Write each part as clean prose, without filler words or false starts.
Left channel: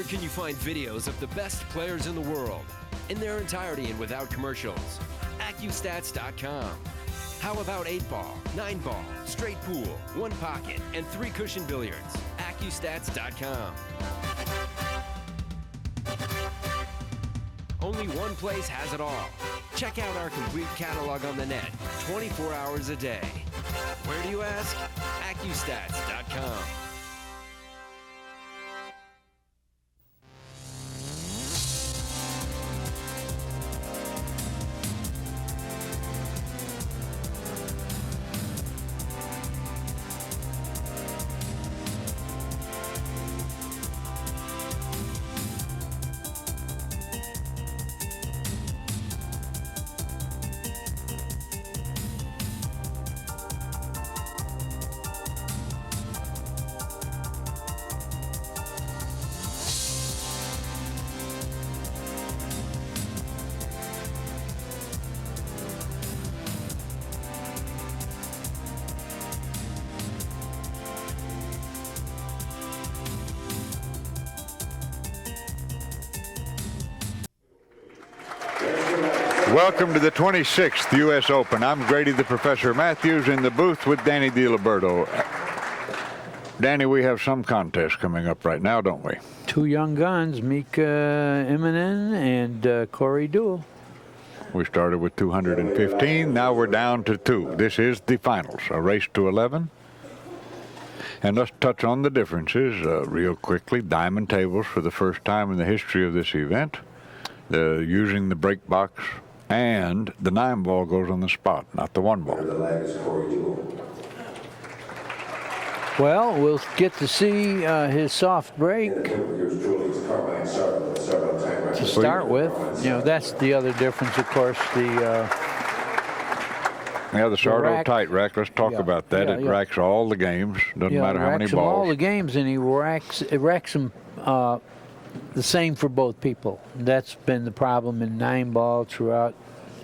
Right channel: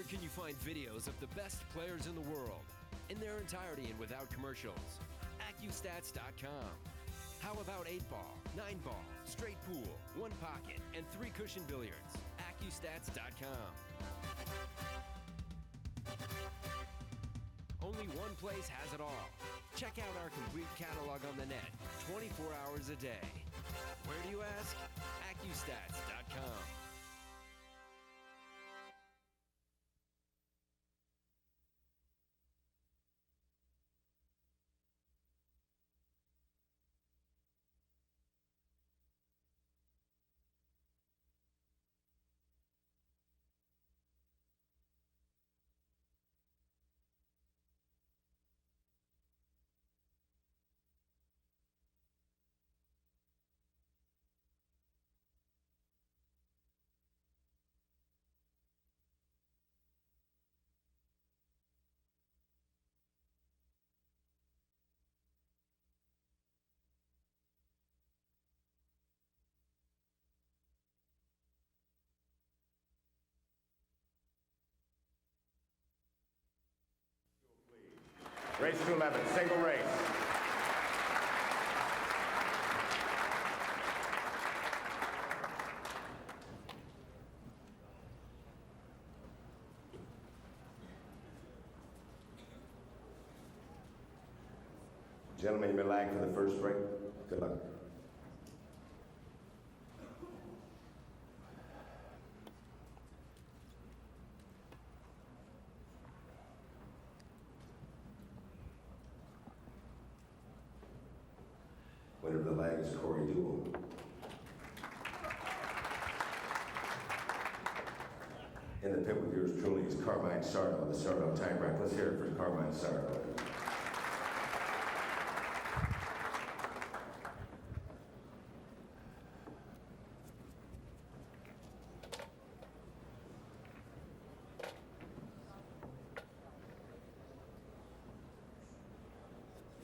Where can you find videos of the best players in the world in their entirety and without commercials? accustats.com. How about 8-ball, 9-ball, straight pool, 1 pocket, and 3 cushion billiards? accustats.com. Only one place has it all. Check out our complete catalog on the net, 24 hours a day. Where do you ask? accustats.com. Welcome to the 26th U.S. Open. I'm Grady the Professor Mathews in the booth with Danny DiLiberto. Danny, we have some contest coming up right now, don't we? 2 young guns, Mika IMMONEN and Deuel. We started with 215. Now we're down to 2. This is the finals, a race to 11. And let's touch on the differences real quickly. Diamond tables for the first time in the history of this event. Using the break box, and the 9-ball goes on the spot, not the 1-ball. Well, we'll get to see his soft break to start with. You know, that's the other difference, of course. The Sardo tight rack. Let's talk about that. It racks all the games. Doesn't matter how many balls. All the games, and he racks them the same for both people. That's been the problem in 9-ball throughout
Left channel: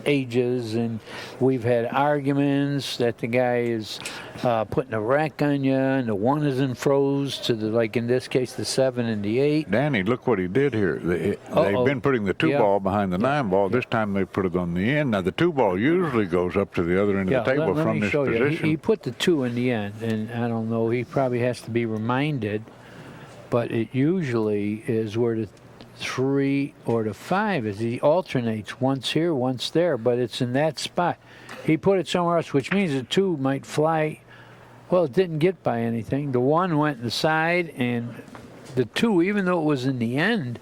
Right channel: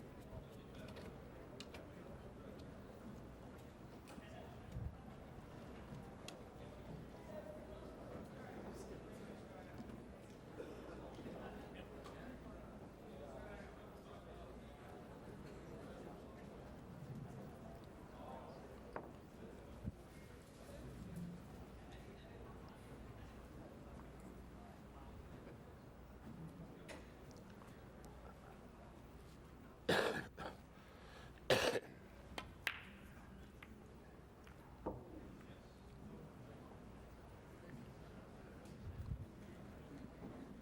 ages, and we've had arguments that the guy is putting a rack on you, and the 1 isn't froze to the, like in this case, the 7 and the 8. Danny, look what he did here. They've been putting the 2-ball behind the 9-ball. This time they put it on the end. Now the 2-ball usually goes up to the other end of the table from this position. He put the 2 in the end, and I don't know, he probably has to be reminded, but it usually is where the 3 or the 5 is. He alternates once here, once there, but it's in that spot. He put it somewhere else, which means the 2 might fly. Well, it didn't get by anything. The 1 went in the side, and the 2, even though it was in the end,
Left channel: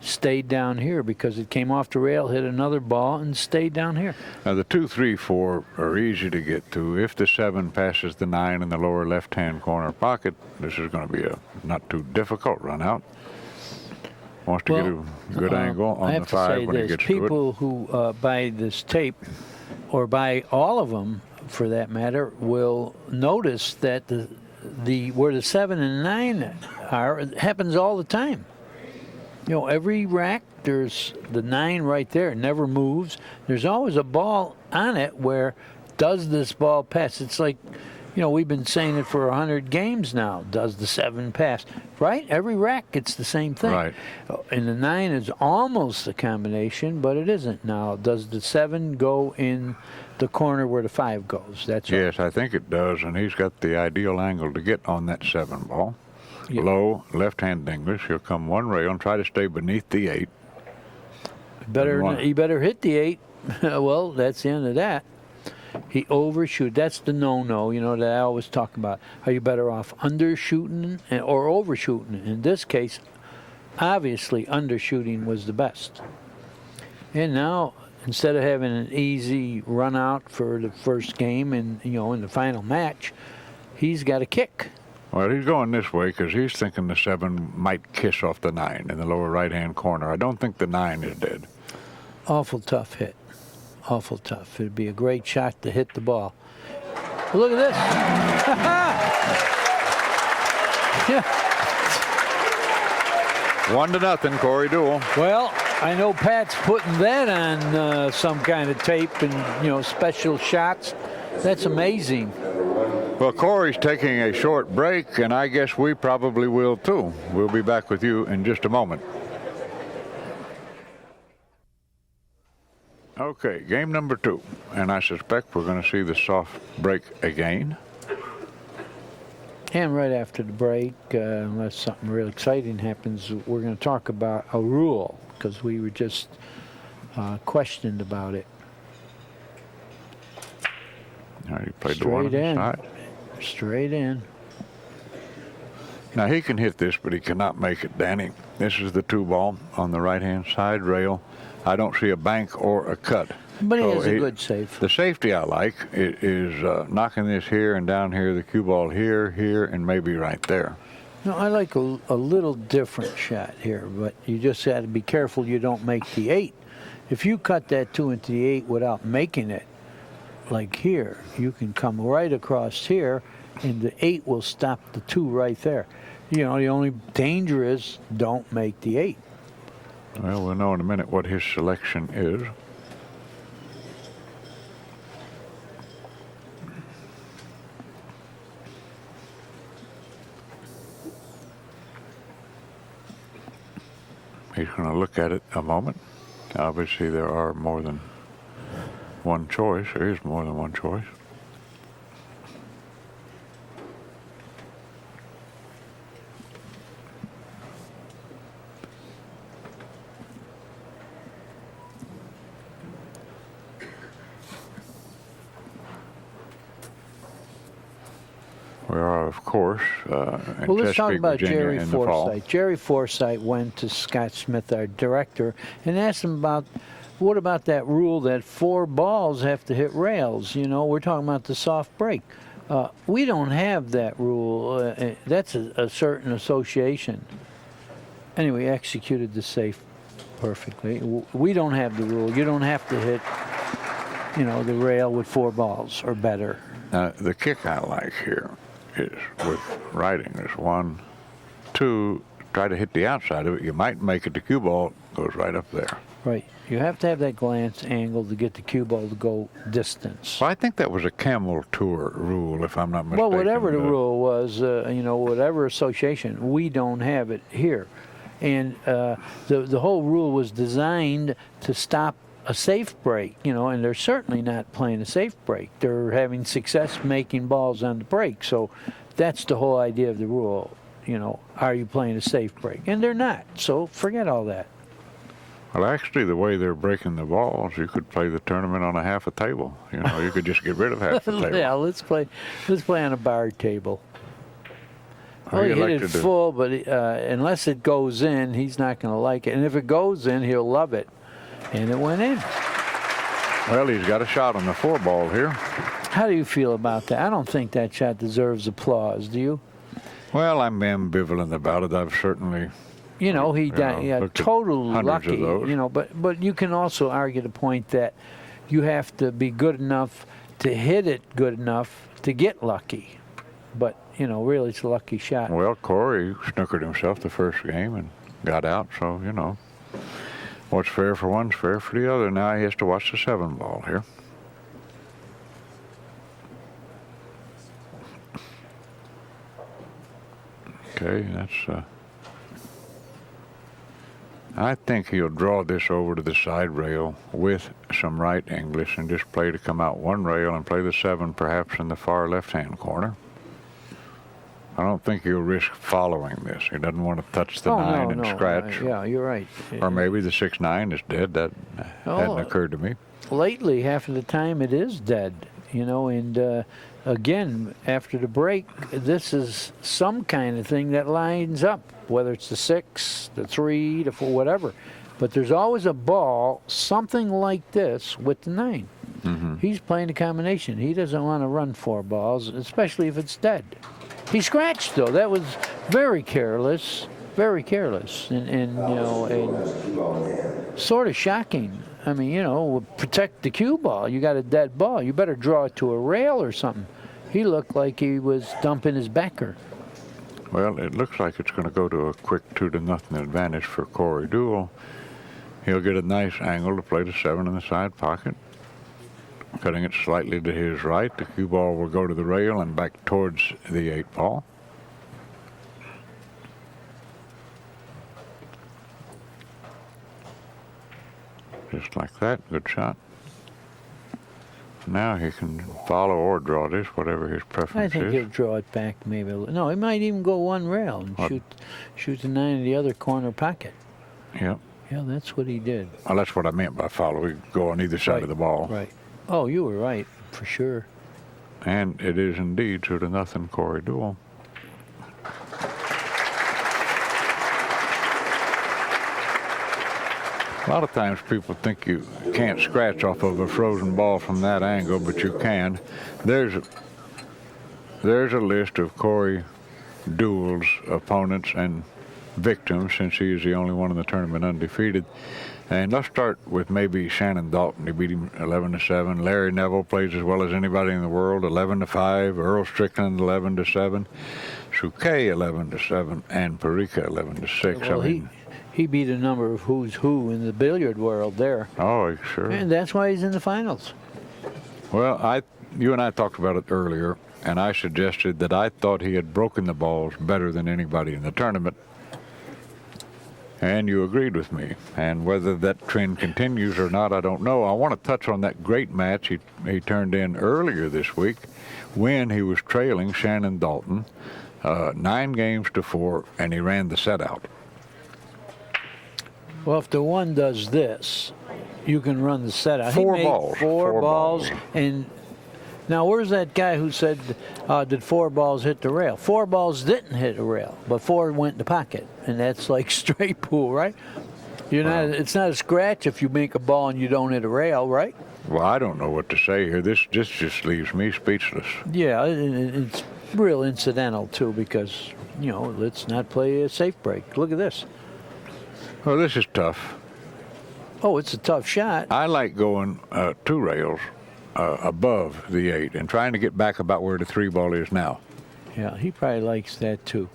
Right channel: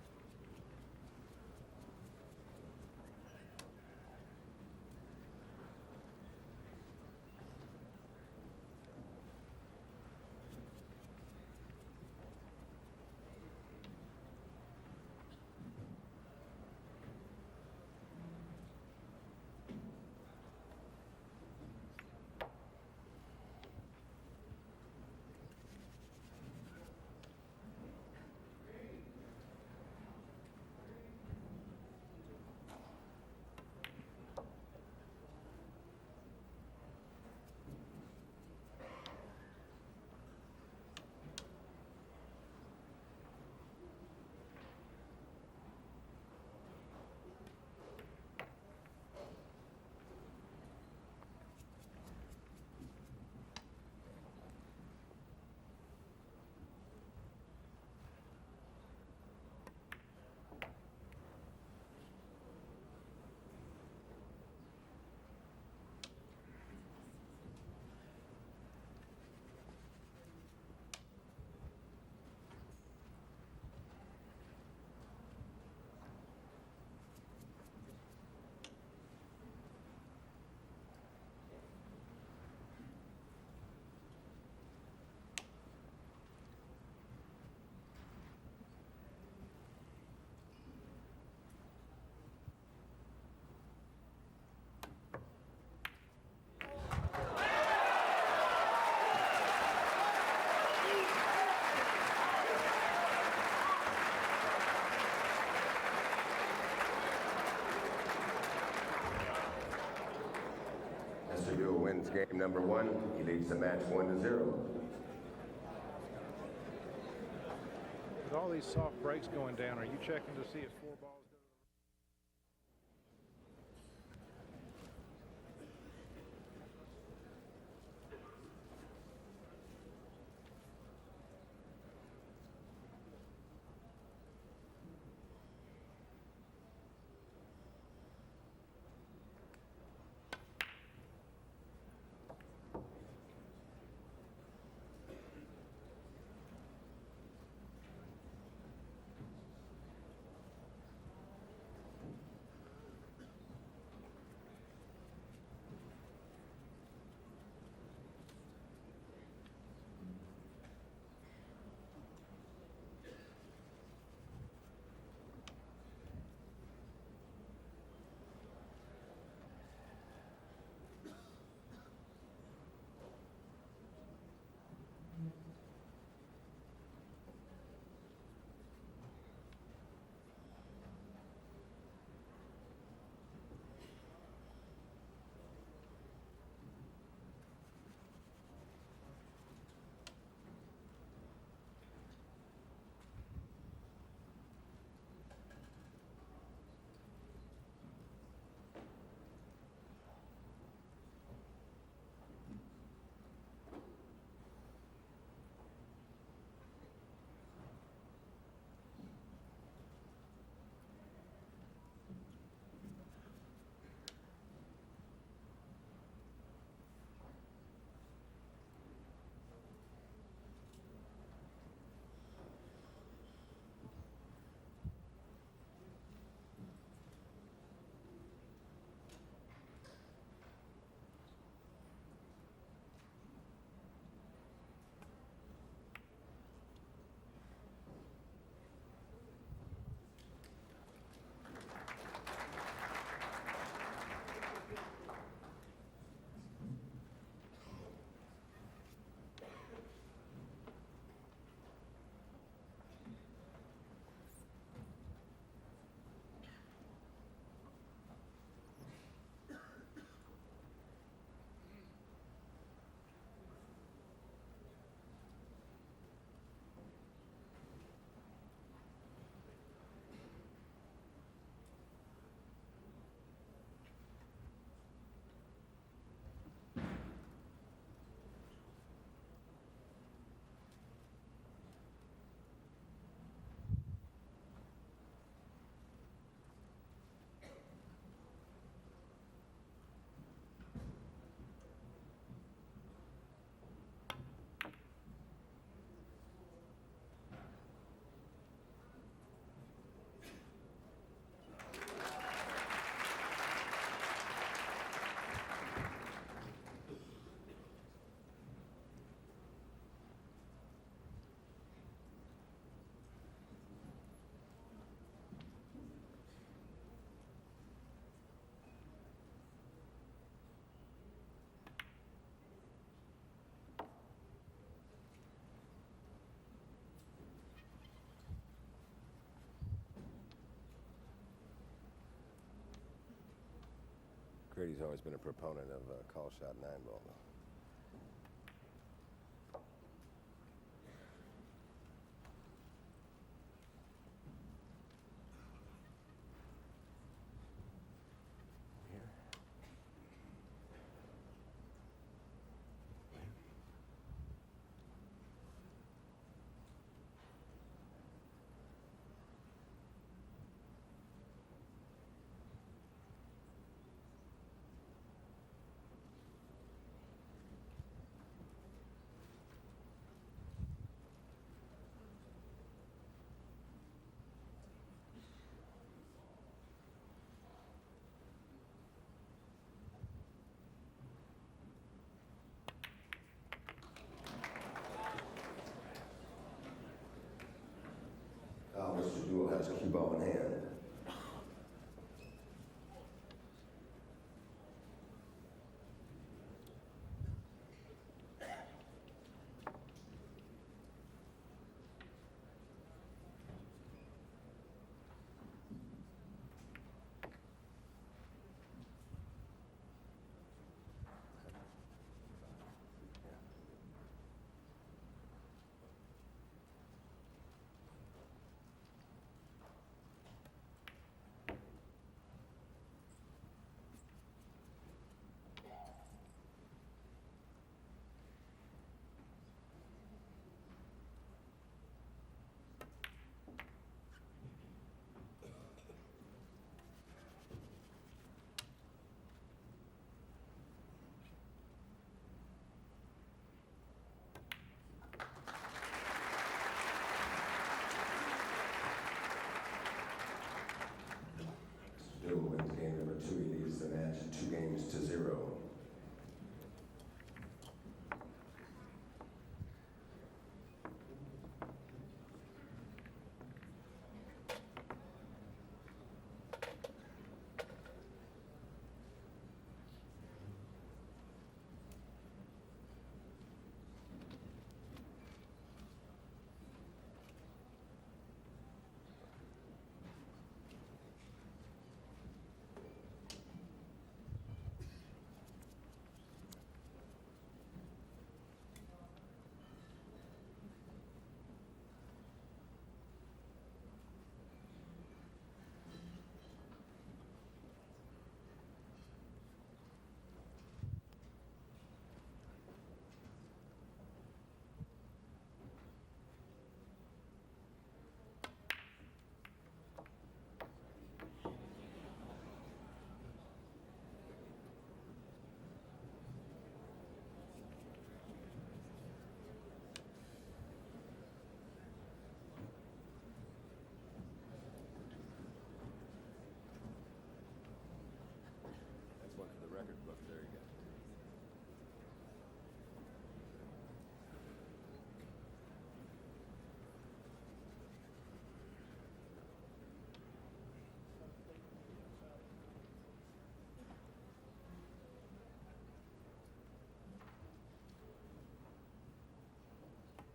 stayed down here because it came off the rail, hit another ball, and stayed down here. Now the 2, 3, 4 are easy to get to. If the 7 passes the 9 in the lower left-hand corner pocket, this is going to be a not too difficult run out. Wants to get a good angle on the 5 when he gets to it. People who buy this tape, or buy all of them for that matter, will notice that where the 7 and 9 are, it happens all the time. You know, every rack, there's the 9 right there. It never moves. There's always a ball on it where, does this ball pass? It's like, you know, we've been saying it for 100 games now. Does the 7 pass? Right? Every rack gets the same thing. Right. And the 9 is almost a combination, but it isn't now. Does the 7 go in the corner where the 5 goes? That's right. Yes, I think it does, and he's got the ideal angle to get on that 7 ball. Yep. Low, left-hand English. He'll come 1 rail and try to stay beneath the 8. He better hit the 8. Well, that's the end of that. He overshoot. That's the no-no, you know, that I always talk about. Are you better off undershooting or overshooting? In this case, obviously undershooting was the best. And now, instead of having an easy run out for the first game and, you know, in the final match, he's got a kick. Well, he's going this way because he's thinking the 7 might kiss off the 9 in the lower right-hand corner. I don't think the 9 is dead. Awful tough hit. Awful tough. It'd be a great shot to hit the ball. Well, look at this. Yeah. 1-0, Corey Deuel. Well, I know Pat's putting that on some kind of tape and, you know, special shots. That's amazing. Well, Corey's taking a short break, and I guess we probably will too. We'll be back with you in just a moment. Okay, game number 2, and I suspect we're going to see the soft break again. And right after the break, unless something real exciting happens, we're going to talk about a rule, because we were just questioned about it. All right, he played the one on the side. Straight in. Now he can hit this, but he cannot make it, Danny. This is the 2 ball on the right-hand side rail. I don't see a bank or a cut. But he has a good safe. The safety I like is knocking this here and down here, the cue ball here, here, and maybe right there. No, I like a little different shot here, but you just have to be careful you don't make the 8. If you cut that 2 into the 8 without making it, like here, you can come right across here, and the 8 will stop the 2 right there. You know, the only danger is don't make the 8. Well, we'll know in a minute what his selection is. He's going to look at it a moment. Obviously, there are more than one choice. There is more than one choice. We are, of course, in Well, let's talk Chesapeake, about Virginia Jerry in the fall. Forsythe. Jerry Forsythe went to Scott Smith, our director, and asked him about, what about that rule that 4 balls have to hit rails? You know, we're talking about the soft break. We don't have that rule. That's a certain association. Anyway, executed the safe perfectly. We don't have the rule. You don't have to hit, you know, the rail with 4 balls or better. The kick I like here is with writing. There's 1, 2, try to hit the outside of it. You might make it. The cue ball goes right up there. Right. You have to have that glance angle to get the cue ball to go distance. Well, I think that was a Camel Tour rule, if I'm not mistaken. Well, whatever the rule was, you know, whatever association, we don't have it here. And the whole rule was designed to stop a safe break, you know, and they're certainly not playing a safe break. They're having success making balls on the break. So that's the whole idea of the rule, you know, are you playing a safe break? And they're not, so forget all that. Well, actually, the way they're breaking the balls, you could play the tournament on a half a table. You know, you could just get rid of half the table. Yeah, let's play on a bar table. Well, he hit like it full, but unless it goes in, he's not going to like it. And if it goes in, he'll love it. And it went in. Well, he's got a shot on the 4 ball here. How do you feel about that? I don't think that shot deserves applause, do you? Well, I'm ambivalent about it. I've certainly... You know, he got total lucky, you know, but you can also argue the point that you have to be good enough to hit it good enough to get lucky. But, you know, really it's a lucky shot. Well, Corey snookered himself the first game and got out, so, you know, what's fair for one's fair for the other. Now he has to watch the 7 ball here. Okay, that's... I think he'll draw this over to the side rail with some right English and just play to come out 1 rail and play the 7 perhaps in the far left-hand corner. I don't think he'll risk following this. He doesn't want to touch the 9 and scratch. Yeah, you're right. Or maybe the 6-9 is dead. That hadn't occurred to me. Lately, half of the time it is dead, you know, and again, after the break, this is some kind of thing that lines up, whether it's the 6, the 3, the 4, whatever. But there's always a ball, something like this, with the 9. Mm-hmm. He's playing a combination. He doesn't want to run 4 balls, especially if it's dead. He scratched, though. That was very careless, and you know, and sort of shocking. I mean, you know, protect the cue ball. You got a dead ball. You better draw it to a rail or something. He looked like he was dumping his backer. Well, it looks like it's going to go to a quick 2-0 advantage for Corey Deuel. He'll get a nice angle to play the 7 in the side pocket. cutting it slightly to his right. The cue ball will go to the rail and back towards the 8-ball. Just like that. Good shot. Now he can follow or draw this, whatever his I preference think is. he'll draw it back maybe. No, he might even go one rail and shoot the 9 in the other corner pocket. Yep. Yeah, that's what he did. Well, that's what I meant by follow. He go on either side of the ball. Right. Oh, you were right, for sure. And it is indeed 2-0 Corey Deuel. A lot of times people think you can't scratch off of a frozen ball from that angle, but you can. There's a list of Corey Deuel's opponents and victims, since he is the only one in the tournament undefeated. And let's start with maybe Shannon Dalton. He beat him 11-7. Larry Neville plays as well as anybody in the world, 11-5. Earl Strickland 11-7. Souquet 11-7, and Parika 11-6. Well, I mean, he beat a number of who's who in the billiard world there. oh, sure. And that's why he's in the finals. Well, you and I talked about it earlier, and I suggested that I thought he had broken the balls better than anybody in the tournament. And you agreed with me. And whether that trend continues or not, I don't know. I want to touch on that great match he turned in earlier this week when he was trailing Shannon Dalton 9-4, and he ran the set out. Well, if the one does this, you can run the set out. Four he made balls. Four balls. And now, where's that guy who said, did 4 balls hit the rail? 4 balls didn't hit the rail, but 4 went in the pocket. And that's like straight pool, right? It's not a scratch if you make a ball and you don't hit a rail, right? Well, I don't know what to say here. This just leaves me speechless. Yeah, it's real incidental, too, because, let's not play a safe break. Look at this. Well, this is tough. Oh, it's a tough shot. I like going 2 rails above the 8 and trying to get back about where the 3 ball is now. Yeah, he probably likes that, too.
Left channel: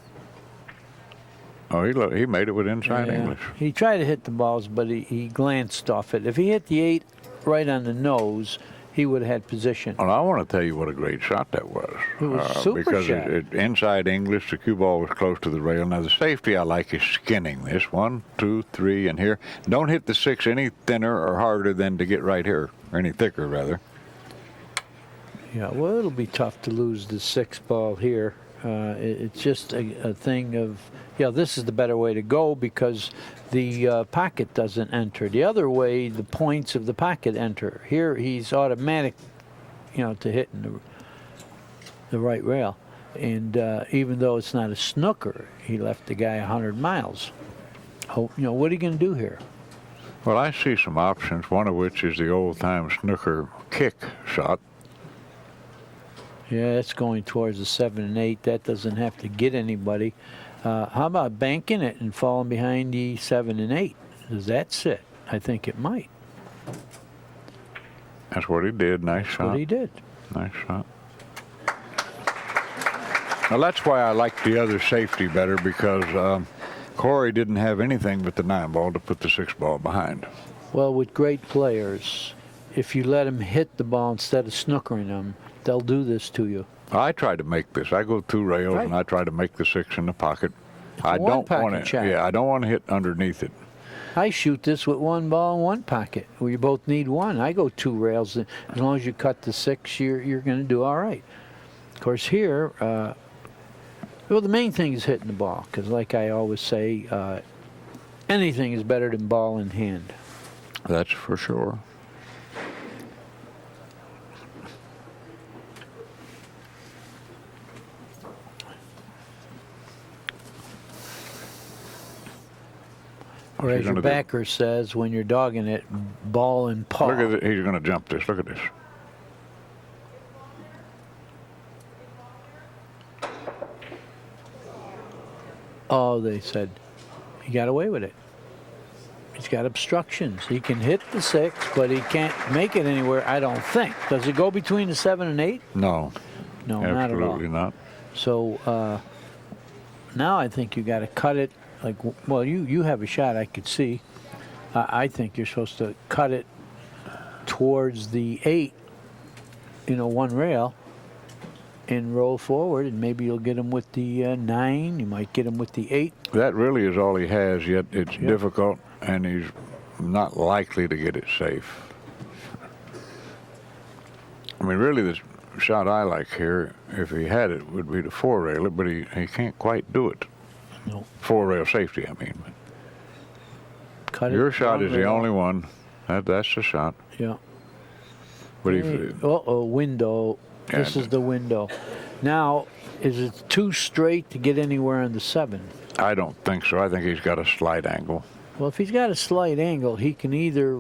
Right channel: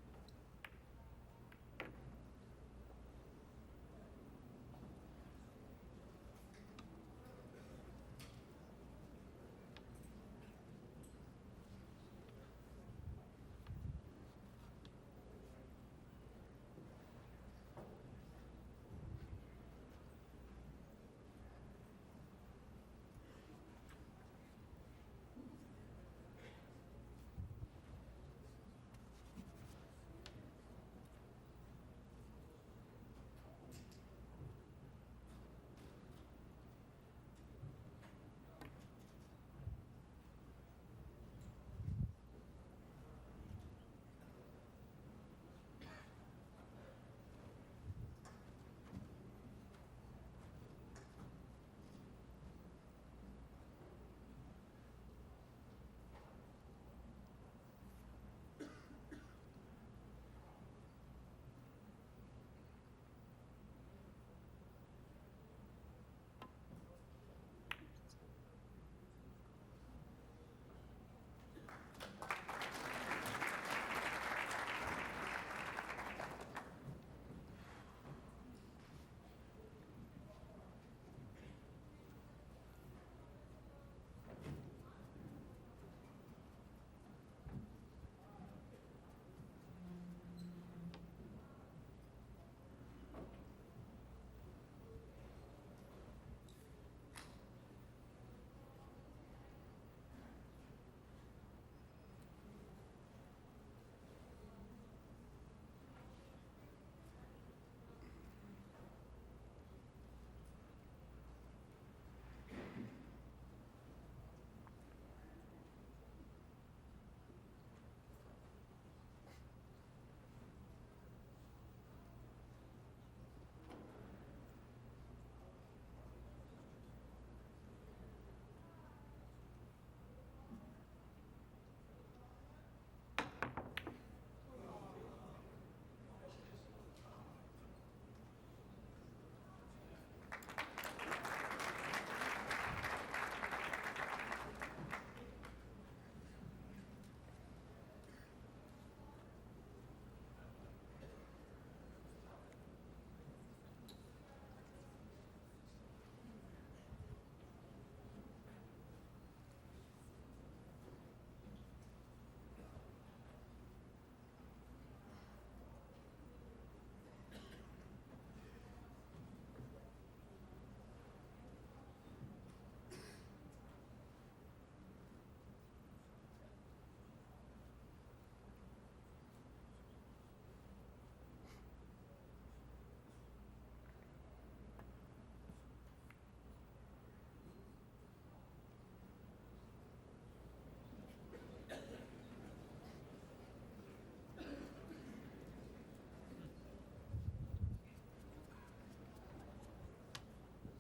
Oh, he made it with inside English. He tried to hit the balls, but he glanced off it. If he hit the 8 right on the nose, he would have had position. Well, I want to tell you what a great shot that was. It was a super because shot. Inside English, the cue ball was close to the rail. Now, the safety I like is skinning this. 1, 2, 3, and here. Don't hit the 6 any thinner or harder than to get right here, or any thicker, rather. Yeah, well, it'll be tough to lose the 6 ball here. It's just a thing of, this is the better way to go because the pocket doesn't enter. The other way, the points of the pocket enter. Here, he's automatic, to hit in the right rail. And even though it's not a snooker, he left the guy 100 miles. What are you going to do here? Well, I see some options, one of which is the old-time snooker kick shot. Yeah, it's going towards the 7 and 8. That doesn't have to get anybody. How about banking it and falling behind the 7 and 8? Does that sit? I think it might. That's what he did. Nice shot. That's what he did. Nice shot. Now, that's why I like the other safety better, because Corey didn't have anything but the 9 ball to put the 6 ball behind. Well, with great players, if you let them hit the ball instead of snookering them, they'll do this to you. I try to make this. I go 2 rails, and I try to make the 6 in the pocket. I don't want to. Yeah, I don't want to hit underneath it. I shoot this with 1 ball and 1 pocket. We both need 1. I go 2 rails. As long as you cut the 6, you're going to do all right. Of course, here, well, the main thing is hitting the ball, because like I always say, anything is better than ball in hand. That's for sure. Or as your backer says, when you're dogging it, ball and paw. Look at it. He's going to jump this. Look at this. Oh, they said he got away with it. He's got obstructions. He can hit the 6, but he can't make it anywhere, I don't think. Does it go between the 7 and 8? No. No, not at all. Absolutely not. So now I think you got to cut it. Like, well, you have a shot I could see. I think you're supposed to cut it towards the 8 one rail and roll forward, and maybe you'll get him with the 9. You might get him with the 8. That really is all he has, yet it's difficult, and he's not likely to get it safe. I mean, really, the shot I like here, if he had it, would be to 4-rail it, but he can't quite do it. No. 4-rail safety, I mean. Cut Your it shot is the rail. only one. That's the shot. Yeah. But Window. Yeah, This is the window. Now, is it too straight to get anywhere on the 7? I don't think so. I think he's got a slight angle. Well, if he's got a slight angle, he can either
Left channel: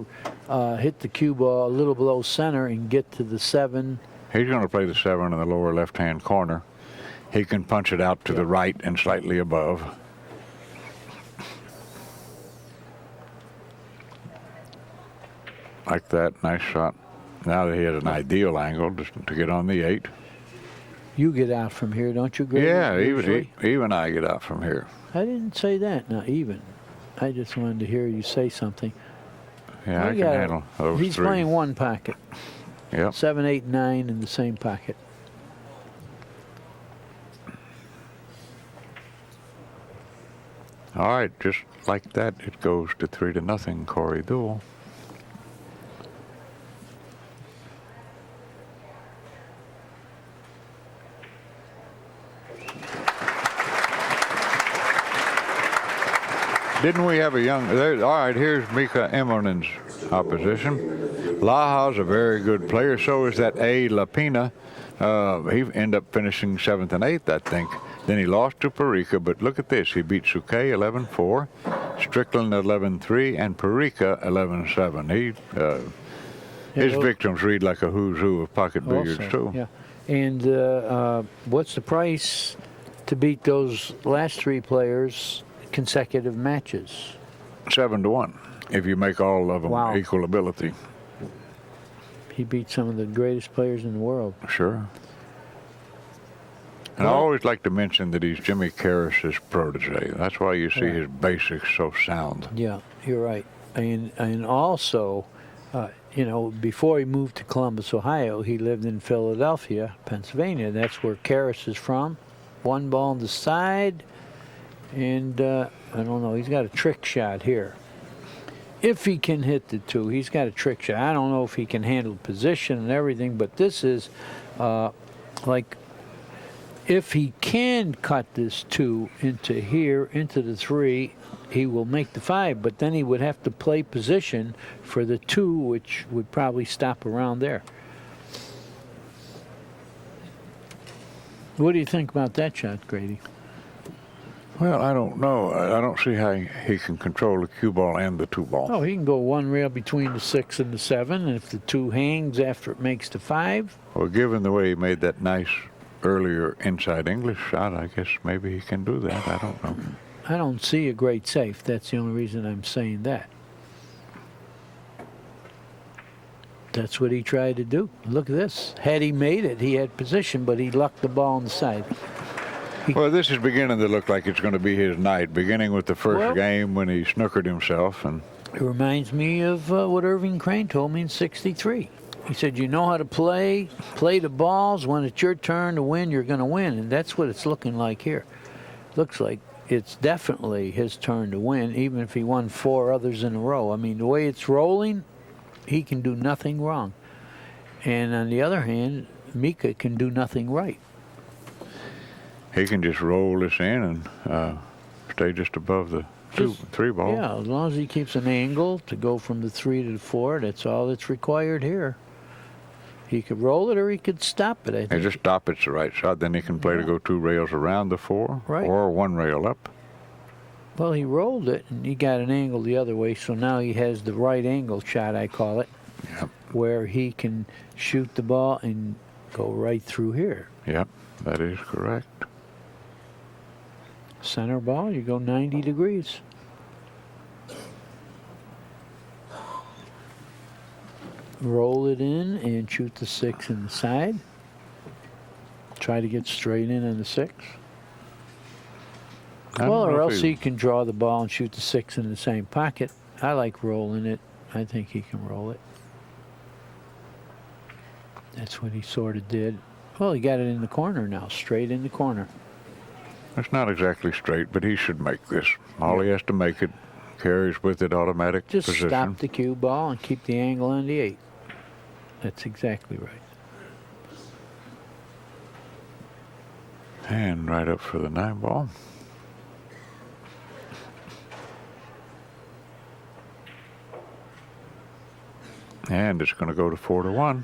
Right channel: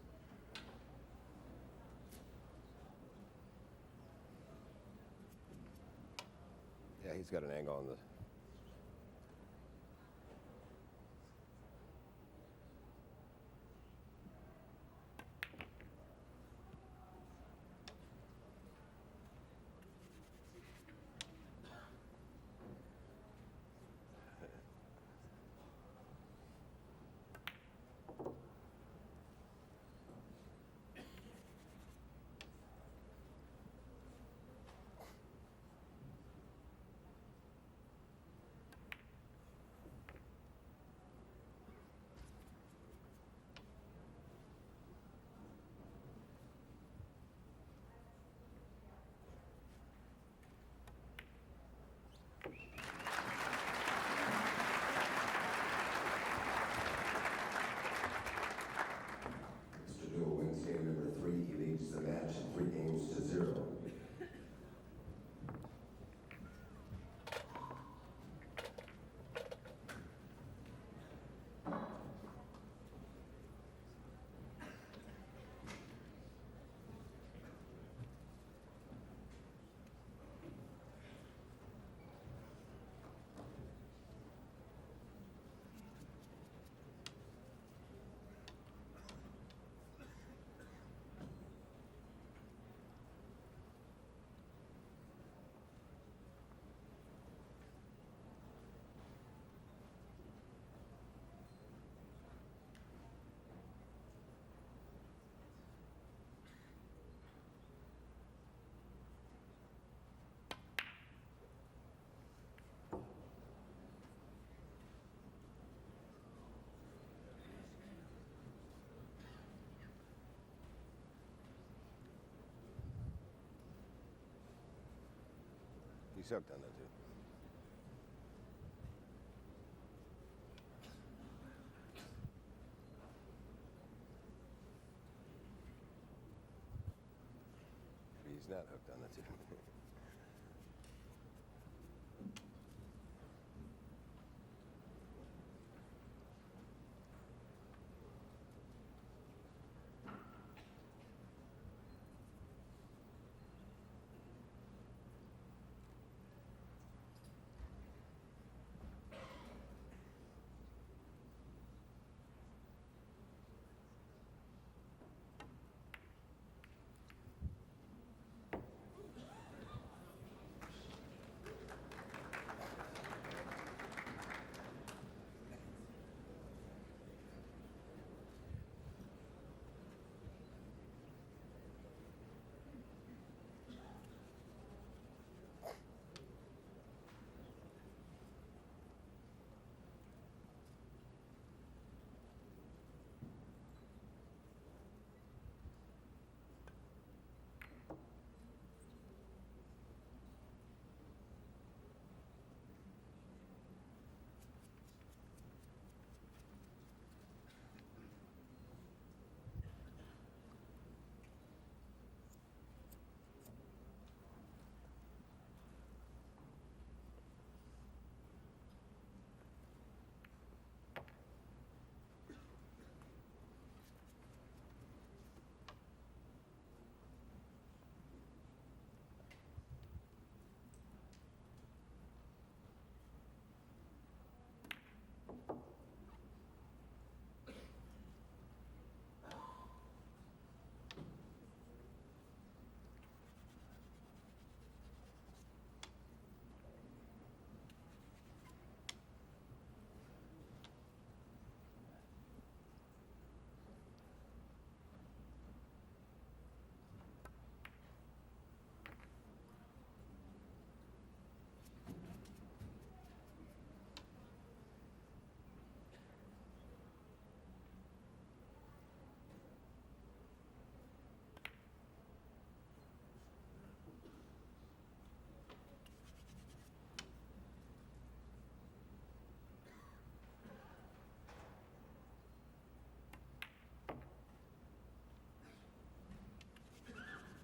hit the cue ball a little below center and get to the 7. He's going to play the 7 in the lower left-hand corner. He can punch it out to the right and slightly above. Like that. Nice shot. Now that he has an ideal angle just to get on the 8. You get out from here, don't you, Grady? Yeah, usually? even I get out from here. I didn't say that, not even. I just wanted to hear you say something. Yeah, I can handle those He's 3. playing one pocket. Yep. 7, 8, 9 in the same pocket. All right, just like that, it goes to 3-0, Corey Deuel. Didn't we have a young... all right, here's Mika IMMONEN's opposition. Laha's a very good player. So is that A. Lapina. He ended up finishing 7th and 8th, I think. Then he lost to Parika, but look at this. He beat Suke 11-4, Strickland 11-3, and Parika 11-7. His victims read like a who's who of pocket billiards, too. Yeah. And what's the price to beat those last 3 players consecutive matches? 7-1, if you make all of them equal ability. He beat some of the greatest players in the world. Sure. And I always like to mention that he's Jimmy Karras's protege. That's why you see his basics so sound. Yeah, you're right. And also, before he moved to Columbus, Ohio, he lived in Philadelphia, Pennsylvania. That's where Karras is from. 1 ball on the side. And I don't know, he's got a trick shot here. If he can hit the 2, he's got a trick shot. I don't know if he can handle position and everything, but this is if he can cut this 2 into here, into the 3, he will make the 5, but then he would have to play position for the 2, which would probably stop around there. What do you think about that shot, Grady? Well, I don't know. I don't see how he can control the cue ball and the 2 ball. Oh, he can go 1 rail between the 6 and the 7, and if the 2 hangs after it makes the 5. Well, given the way he made that nice earlier inside English shot, I guess maybe he can do that. I don't know. I don't see a great safe. That's the only reason I'm saying that. That's what he tried to do. Look at this. Had he made it, he had position, but he lucked the ball on the side. Well, this is beginning to look like it's going to be his night, beginning with the first game when he snookered himself. And it reminds me of what Irving Crane told me in '63. He said, you know how to play the balls. When it's your turn to win, you're going to win. And that's what it's looking like here. Looks like it's definitely his turn to win, even if he won 4 others in a row. I mean, the way it's rolling, he can do nothing wrong. And on the other hand, Mika can do nothing right. He can just roll this in and stay just above the 3 ball. Yeah, as long as he keeps an angle to go from the 3 to the 4, that's all that's required here. He could roll it or he could stop it, I think. And just stop it's the right shot. Then he can play to go 2 rails around the 4 or 1 rail up. Well, he rolled it and he got an angle the other way, so now he has the right angle shot, I call it, where he can shoot the ball and go right through here. Yep, that is correct. Center ball, you go 90 degrees. Roll it in and shoot the 6 in the side. Try to get straight in on the 6. Well, or else he can draw the ball and shoot the 6 in the same pocket. I like rolling it. I think he can roll it. That's what he sort of did. Well, he got it in the corner now, straight in the corner. It's not exactly straight, but he should make this. All he has to make it carries with it automatic Just position. stop the cue ball and keep the angle on the 8. That's exactly right. And right up for the 9 ball. And it's going to go to 4-1.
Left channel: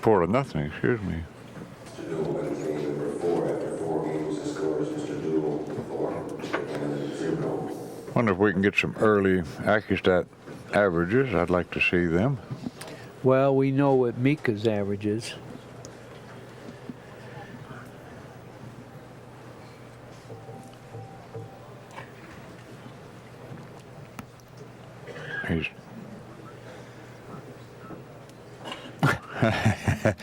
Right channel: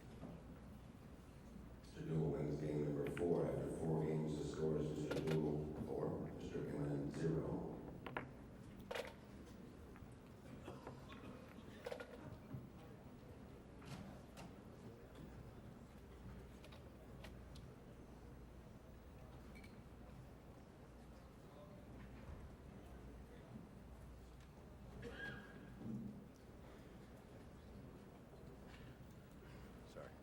Four to nothing, excuse me. Mr. Deuel wins game number 4 after 4 games. The score is Mr. Deuel 4, Mr. IMMONEN 0. Wonder if we can get some early Accu-Stat averages. I'd like to see them. Well, we know what Mika's average is. He's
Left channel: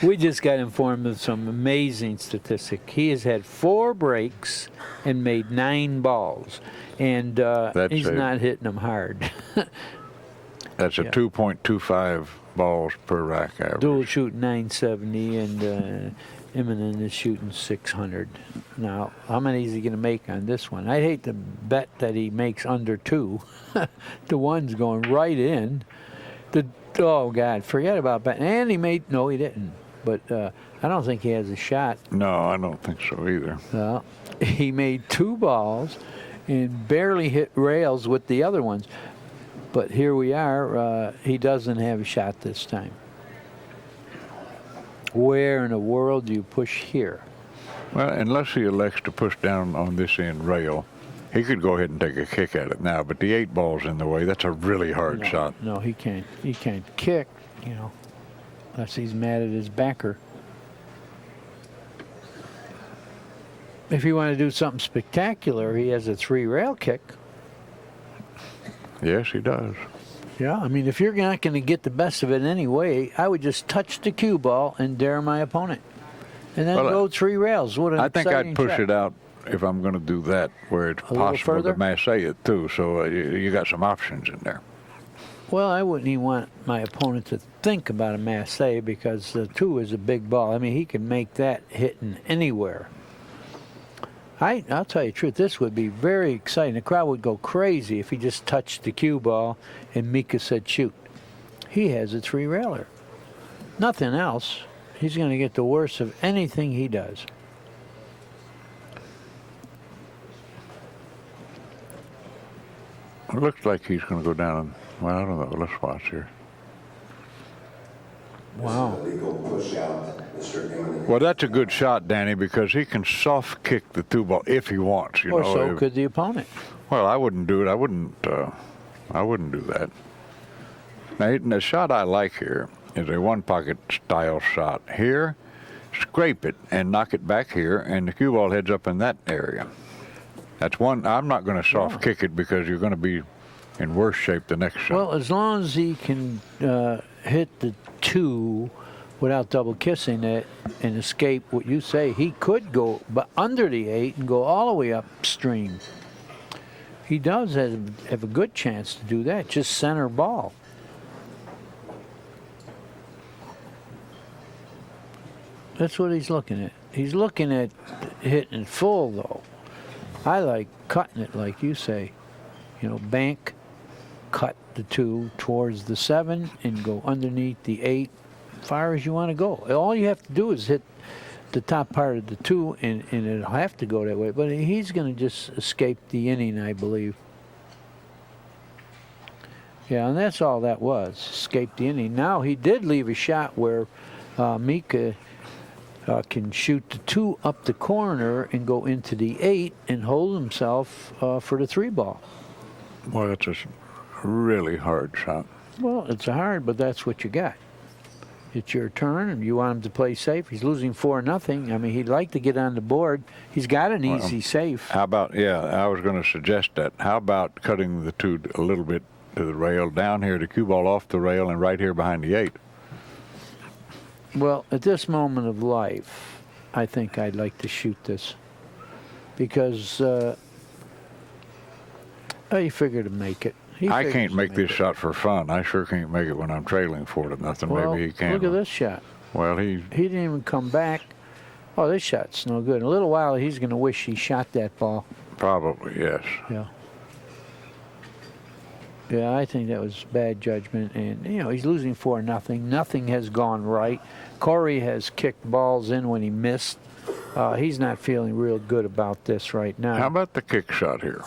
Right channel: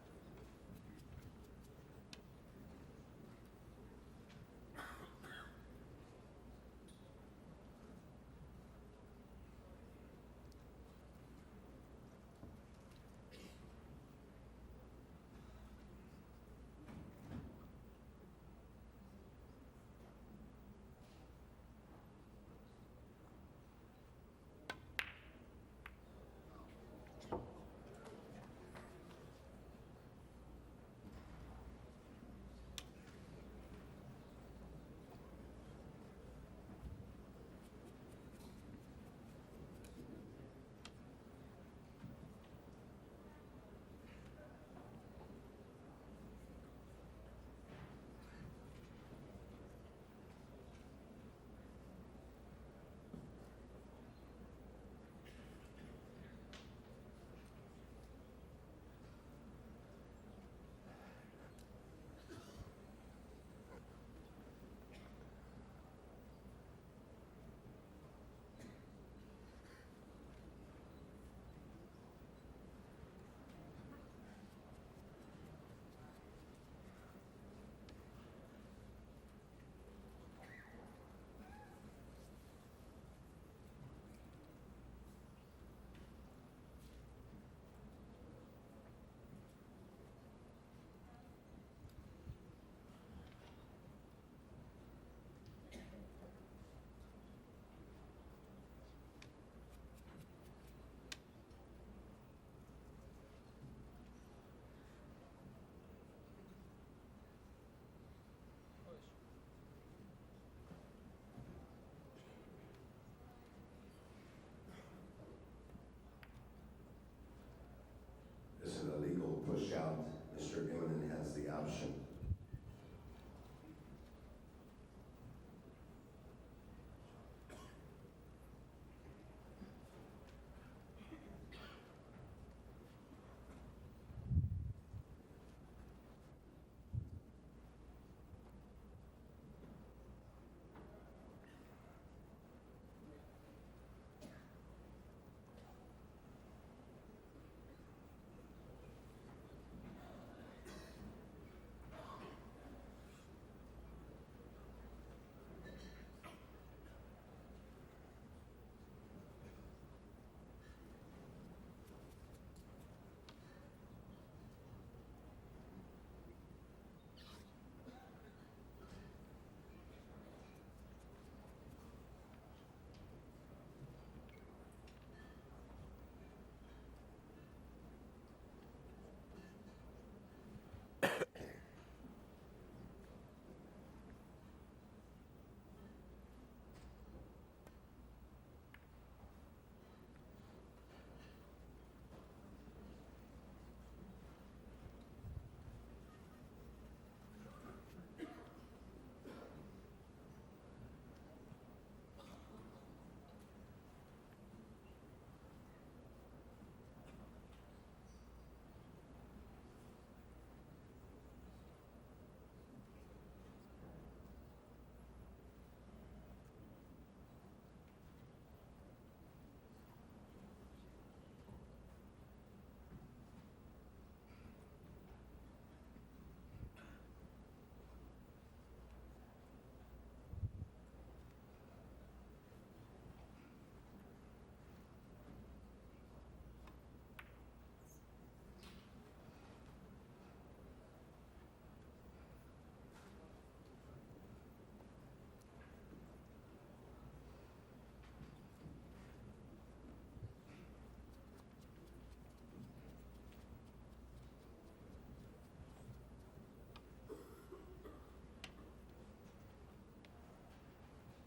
We just got informed of some amazing statistic. He has had 4 breaks and made 9 balls, and he's not hitting them hard. That's a 2.25 balls per rack average. Deuel shooting 970, and IMMONEN is shooting 600. Now, how many is he going to make on this one? I'd hate to bet that he makes under 2. The one's going right in. Oh, God, forget about that. And he made, no, he didn't. But I don't think he has a shot. No, I don't think so either. Well, he made 2 balls and barely hit rails with the other ones. But here we are. He doesn't have a shot this time. Where in the world do you push here? Well, unless he elects to push down on this end rail, he could go ahead and take a kick at it now, but the 8 ball's in the way. That's a really hard shot. No, he can't. He can't kick, you know, unless he's mad at his backer. If you want to do something spectacular, he has a 3-rail kick. Yes, he does. Yeah, I mean, if you're not going to get the best of it anyway, I would just touch the cue ball and dare my opponent. And then go 3 rails. What an I think I'd push shot. it out if I'm going to do that, where it's possible to masse it too. So you got some options in there. Well, I wouldn't even want my opponent to think about a masse because the 2 is a big ball. I mean, he can make that hitting anywhere. I'll tell you the truth, this would be very exciting. The crowd would go crazy if he just touched the cue ball and Mika said shoot. He has a 3-railer. Nothing else. He's going to get the worst of anything he does. It looks like he's going to go down. Well, I don't know. Let's watch here. Wow. Well, that's a good shot, Danny, because he can soft kick the 2 ball if he wants. Or so could the opponent. Well, I wouldn't do it. I wouldn't do that. Now, the shot I like here is a 1-pocket style shot. Here, scrape it and knock it back here, and the cue ball heads up in that area. That's one. I'm not going to soft kick it because you're going to be in worse shape the next shot. Well, as long as he can hit the 2 without double kissing it and escape what you say, he could go under the 8 and go all the way upstream. He does have a good chance to do that, just center ball. That's what he's looking at. He's looking at hitting it full, though. I like cutting it, like you say. You know, bank, cut the 2 towards the 7, and go underneath the 8, far as you want to go. All you have to do is hit the top part of the 2, and it'll have to go that way. But he's going to just escape the inning, I believe. Yeah, and that's all that was, escape the inning. Now, he did leave a shot where Mika can shoot the 2 up the corner and go into the 8 and hold himself for the 3 ball. Well, that's a really hard shot. Well, it's hard, but that's what you got. It's your turn, and you want him to play safe. He's losing 4-0. I mean, he'd like to get on the board. He's got an easy safe. How about, I was going to suggest that. How about cutting the 2 a little bit to the rail, down here, the cue ball off the rail, and right here behind the 8? Well, at this moment of life, I think I'd like to shoot this because he figured to make it. I can't make this shot for fun. I sure can't make it when I'm trailing 4-0. Well, Maybe he can. look at this shot. Well, he didn't even come back. Oh, this shot's no good. In a little while, he's going to wish he shot that ball. probably, yes. Yeah. Yeah, I think that was bad judgment. And, you know, he's losing 4-0. Nothing has gone right. Corey has kicked balls in when he missed. He's not feeling real good about this right now. How about the kick shot here?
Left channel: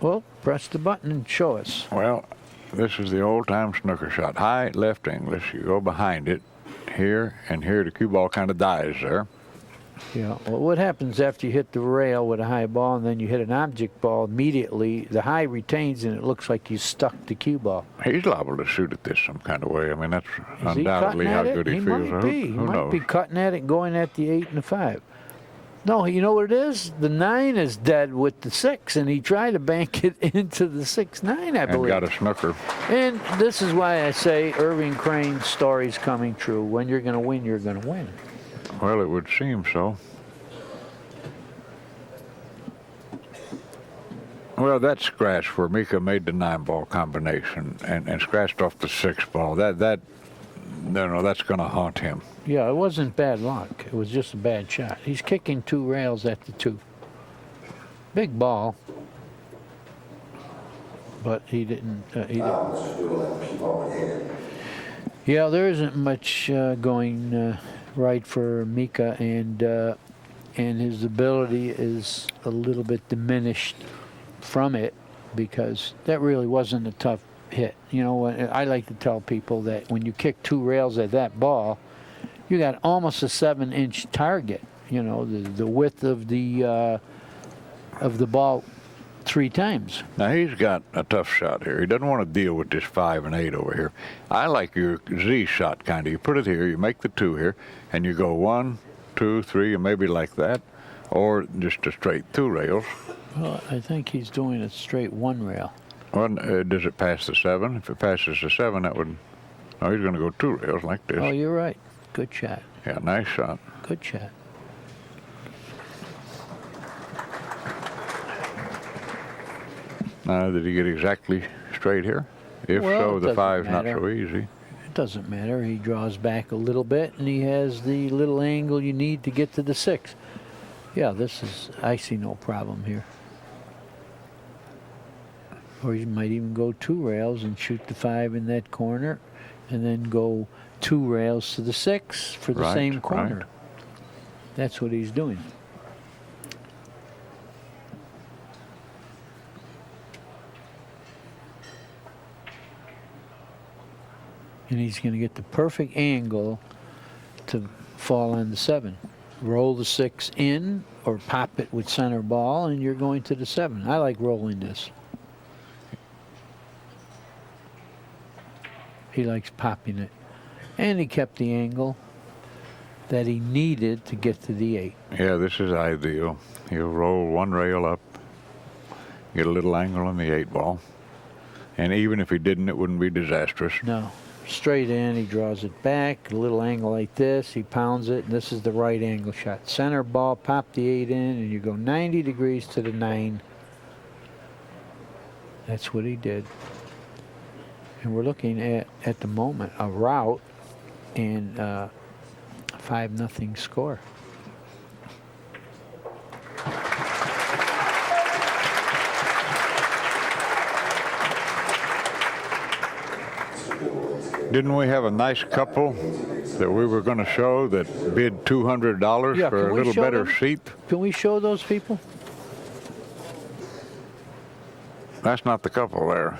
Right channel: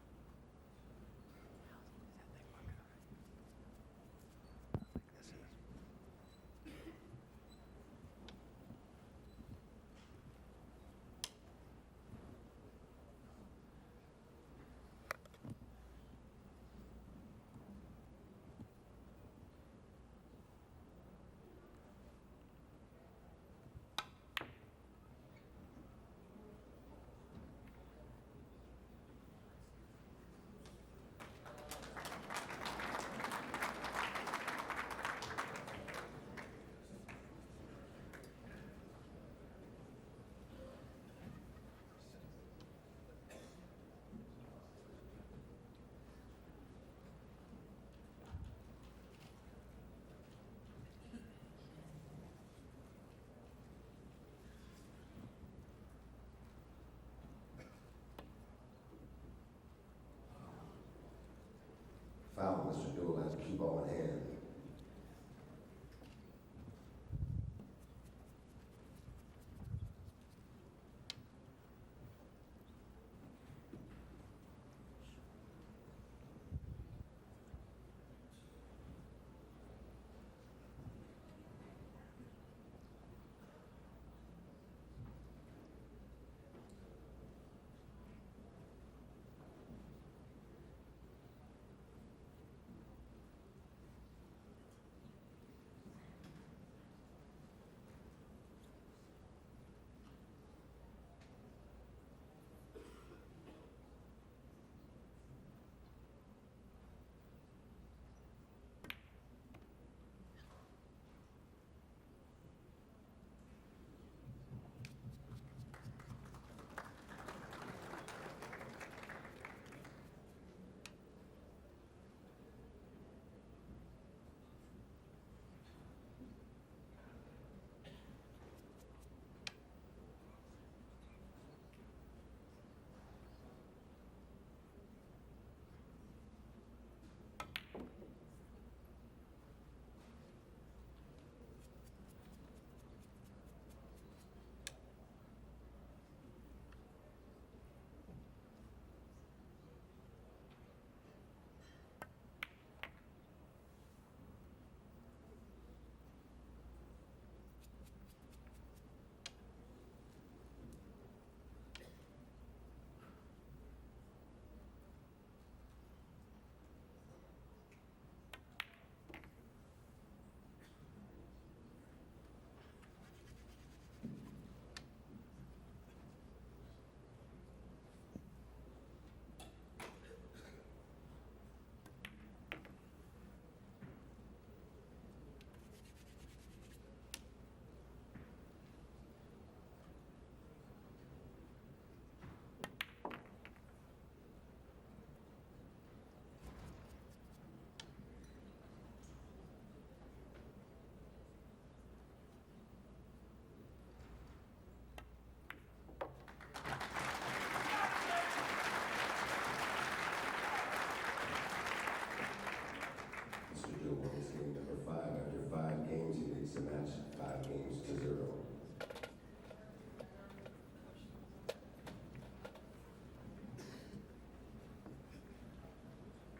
Well, press the button and show us. Well, this is the old-time snooker shot. High left English. You go behind it here, and here the cue ball kind of dies there. Yeah. Well, what happens after you hit the rail with a high ball and then you hit an object ball immediately, the high retains and it looks like you stuck the cue ball. He's liable to shoot at this some kind of way. I mean, that's Is he undoubtedly cutting how at it? good he feels. Might be. He Who might knows? be cutting at it and going at the 8 and the 5. No, you know what it is? The 9 is dead with the 6, and he tried to bank it into the 6-9, I And believe. got a snooker. And this is why I say Irving Crane's story's coming true. When you're going to win, you're going to win. Well, it would seem so. Well, that scratch where Mika made the 9-ball combination and scratched off the 6-ball, that's going to haunt him. Yeah, it wasn't bad luck. It was just a bad shot. He's kicking 2 rails at the 2. Big ball. But he didn't. Yeah, there isn't much going right for Mika, and his ability is a little bit diminished from it because that really wasn't a tough hit. You know, I like to tell people that when you kick 2 rails at that ball, you got almost a 7-inch target. You know, the width of the ball 3 times. Now, he's got a tough shot here. He doesn't want to deal with this 5 and 8 over here. I like your Z shot, kind of. You put it here, you make the 2 here, and you go 1, 2, 3, and maybe like that, or just a straight 2 rails. Well, I think he's doing a straight 1 rail. Well, does it pass the 7? If it passes the 7, that would... No, he's going to go 2 rails like this. Oh, you're right. Good shot. Yeah, nice shot. Good shot. Now, did he get exactly straight here? If Well, so, it the doesn't 5's not matter. so easy. It doesn't matter. He draws back a little bit, and he has the little angle you need to get to the 6. Yeah, I see no problem here. Or you might even go 2 rails and shoot the 5 in that corner, and then go 2 rails to the 6 for the same corner. Right. That's what he's doing. And he's going to get the perfect angle to fall on the 7. Roll the 6 in or pop it with center ball, and you're going to the 7. I like rolling this. He likes popping it. And he kept the angle that he needed to get to the 8. Yeah, this is ideal. He'll roll 1 rail up, get a little angle on the 8-ball. And even if he didn't, it wouldn't be disastrous. No. Straight in, he draws it back, a little angle like this, he pounds it, and this is the right angle shot. Center ball, pop the 8 in, and you go 90 degrees to the 9. That's what he did. And we're looking at the moment, a rout and 5-0 score. Didn't we have a nice couple that we were going to show that bid $200 Yeah, for can a we little show better them? seat? Can we show those people? That's not the couple there.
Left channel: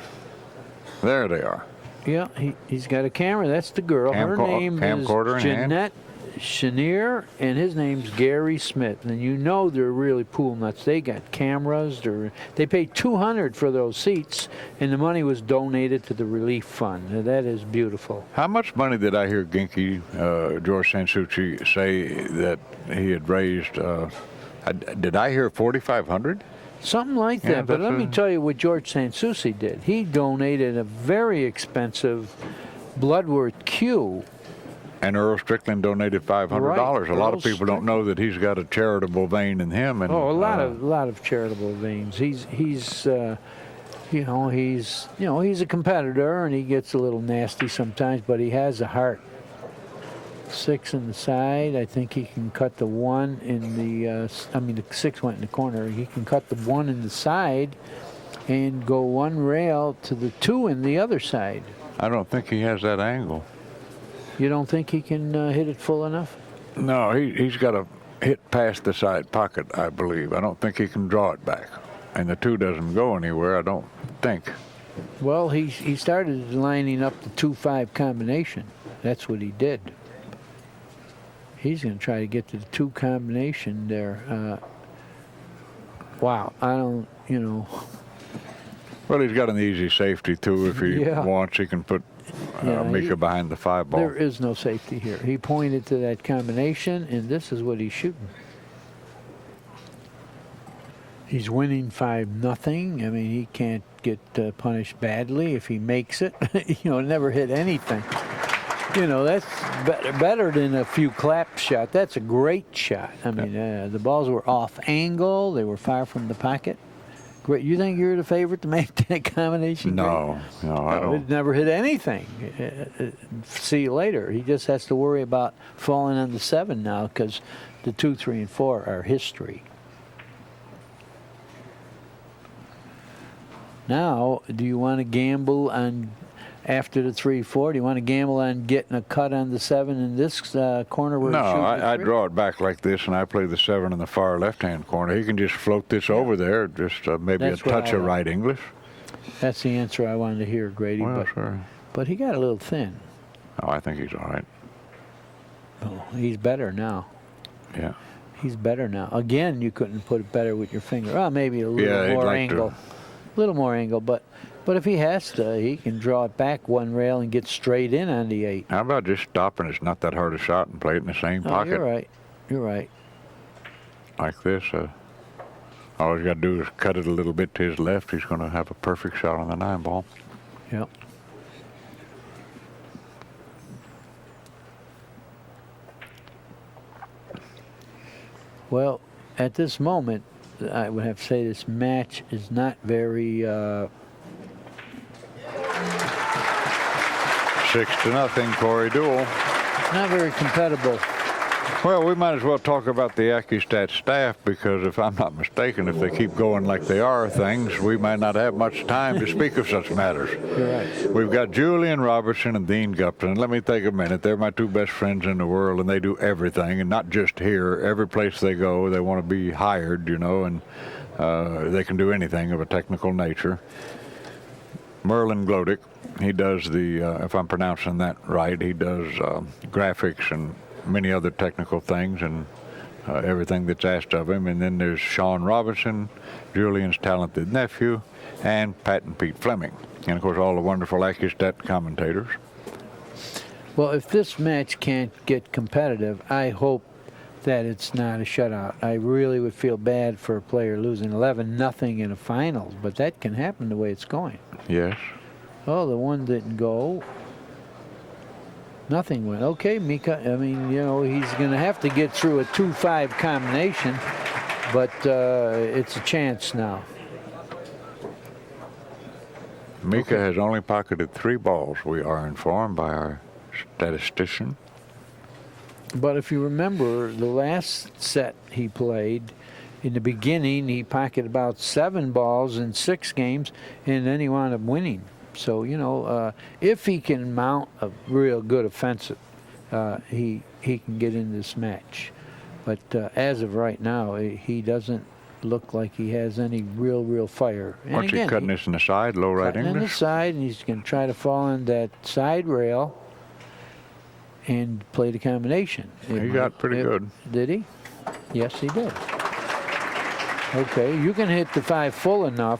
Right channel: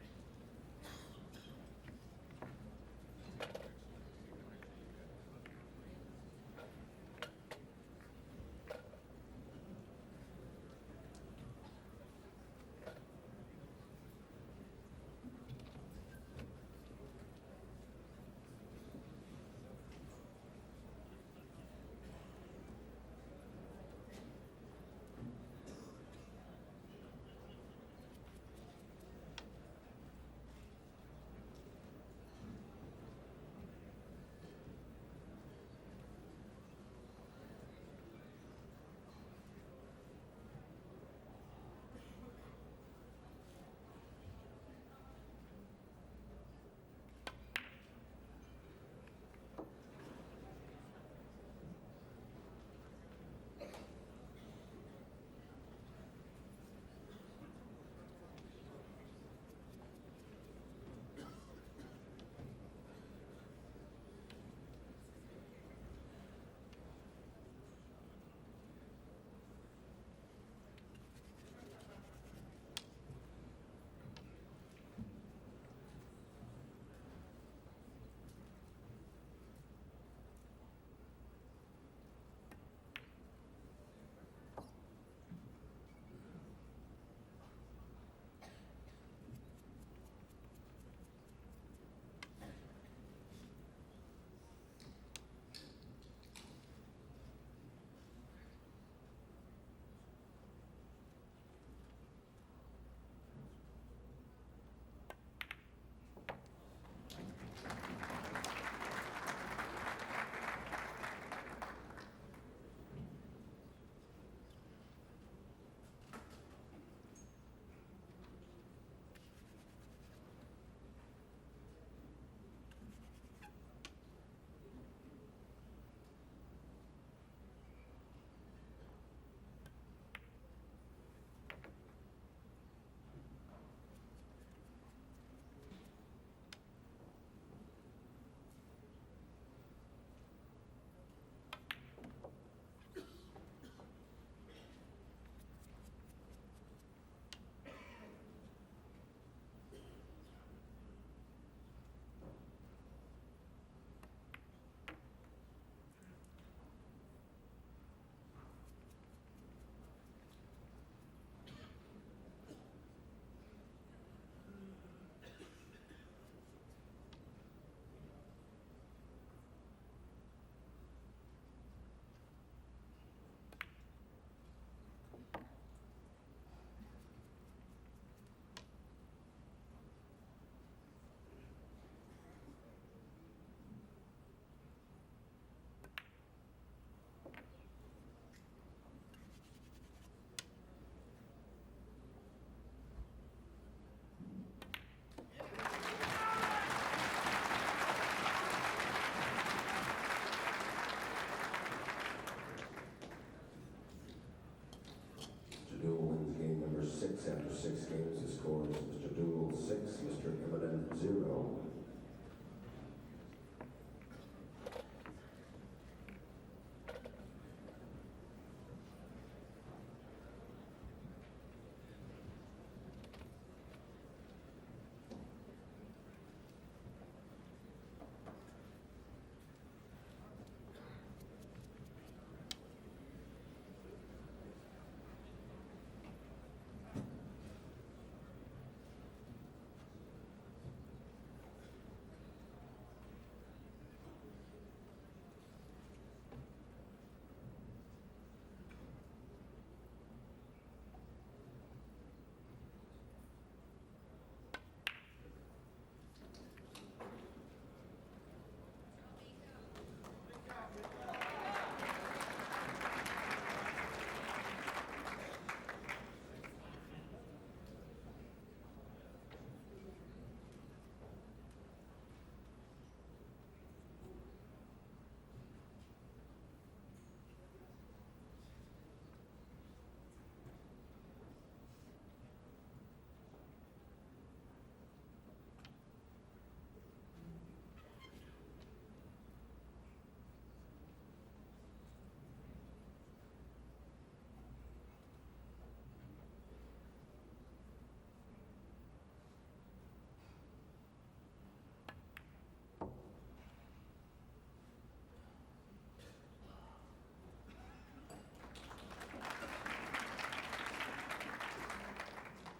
There they are. Yeah, he's got a camera. That's the girl. Her name is camcorder in hand. Jeanette Chenier, and his name's Gary Smith. And you know they're really pool nuts. They got cameras. They paid $200 for those seats, and the money was donated to the relief fund. Now, that is beautiful. How much money did I hear Ginky, George Sansucci, say that he had raised? Did I hear 4,500? Something like Yeah, that. But that's let me tell you what George Sansucci did. He donated a very expensive Bloodworth cue And Earl Strickland donated $500. Right. A lot Earl of people don't know that he's got a charitable vein in him. And, Oh, a lot of charitable veins. He's you know, he's a competitor, and he gets a little nasty sometimes, but he has a heart. 6 in the side. I think he can cut the 1 in the. The 6 went in the corner. He can cut the 1 in the side, and go 1 rail to the 2 in the other side. I don't think he has that angle. You don't think he can hit it full enough? No, he's got to hit past the side pocket, I believe. I don't think he can draw it back. And the 2 doesn't go anywhere, I don't think. Well, he started lining up the 2-5 combination. That's what he did. He's going to try to get to the 2 combination there. Wow, I don't, Well, he's got an easy safety, too. If he wants, he can put Mika behind the 5 ball. There is no safety here. He pointed to that combination, and this is what he's shooting. He's winning 5-0. I mean, he can't get punished badly if he makes it. Never hit anything. That's better than a few clap shots. That's a great shot. I mean, the balls were off angle. They were far from the pocket. Great. You think you're the favorite to make that combination? No, I don't. It never hit anything. See you later. He just has to worry about falling on the 7 now, because the 2, 3, and 4 are history. Now, do you want to gamble on, after the 3-4, do you want to gamble on getting a cut on the 7 in this corner where No, I draw it back like this, and I play the 7 in the far left-hand corner. He can just float this over there, just maybe That's a touch of right English. That's the answer I wanted to hear, Grady. Well, sure. But he got a little thin. Oh, I think he's all right. Oh, he's better now. Yeah. He's better now. Again, you couldn't put it better with your finger. Oh, maybe a little more angle. A little more angle, but if he has to, he can draw it back 1 rail and get straight in on the 8. How about just stopping? It's not that hard a shot, and play it in the same pocket. You're right. You're right. Like this. All he's got to do is cut it a little bit to his left. He's going to have a perfect shot on the 9 ball. Yep. Well, at this moment, I would have to say this match is not very 6-0, Corey Deuel. not very compatible. Well, we might as well talk about the Accu-Stats staff, because if I'm not mistaken, if they keep going like they are things, we might not have much time to speak of such matters. You're right. We've got Julian Robertson and Dean Gupton. Let me take a minute. They're my 2 best friends in the world, and they do everything, and not just here. Every place they go, they want to be hired, and they can do anything of a technical nature. Merlin Glodick, he does the, if I'm pronouncing that right, he does graphics and many other technical things, and everything that's asked of him. And then there's Sean Robinson, Julian's talented nephew, and Pat and Pete Fleming. And, of course, all the wonderful Accu-Stat commentators. Well, if this match can't get competitive, I hope that it's not a shutout. I really would feel bad for a player losing 11-0 in a finals, but that can happen the way it's going. Yes. Oh, the 1 didn't go. Nothing went. Okay, Mika, I mean, he's going to have to get through a 2-5 combination, but it's a chance now. Mika has only pocketed 3 balls, we are informed by our statistician. But if you remember, the last set he played, in the beginning, he pocketed about 7 balls in 6 games, and then he wound up winning. So, if he can mount a real good offensive, he can get in this match. But as of right now, he doesn't look like he has any real fire. And What's he cutting this in the side, low right English? On the side, and he's going to try to fall on that side rail and play the combination. He got pretty good. Did he? Yes, he did. Okay, you can hit the 5 full enough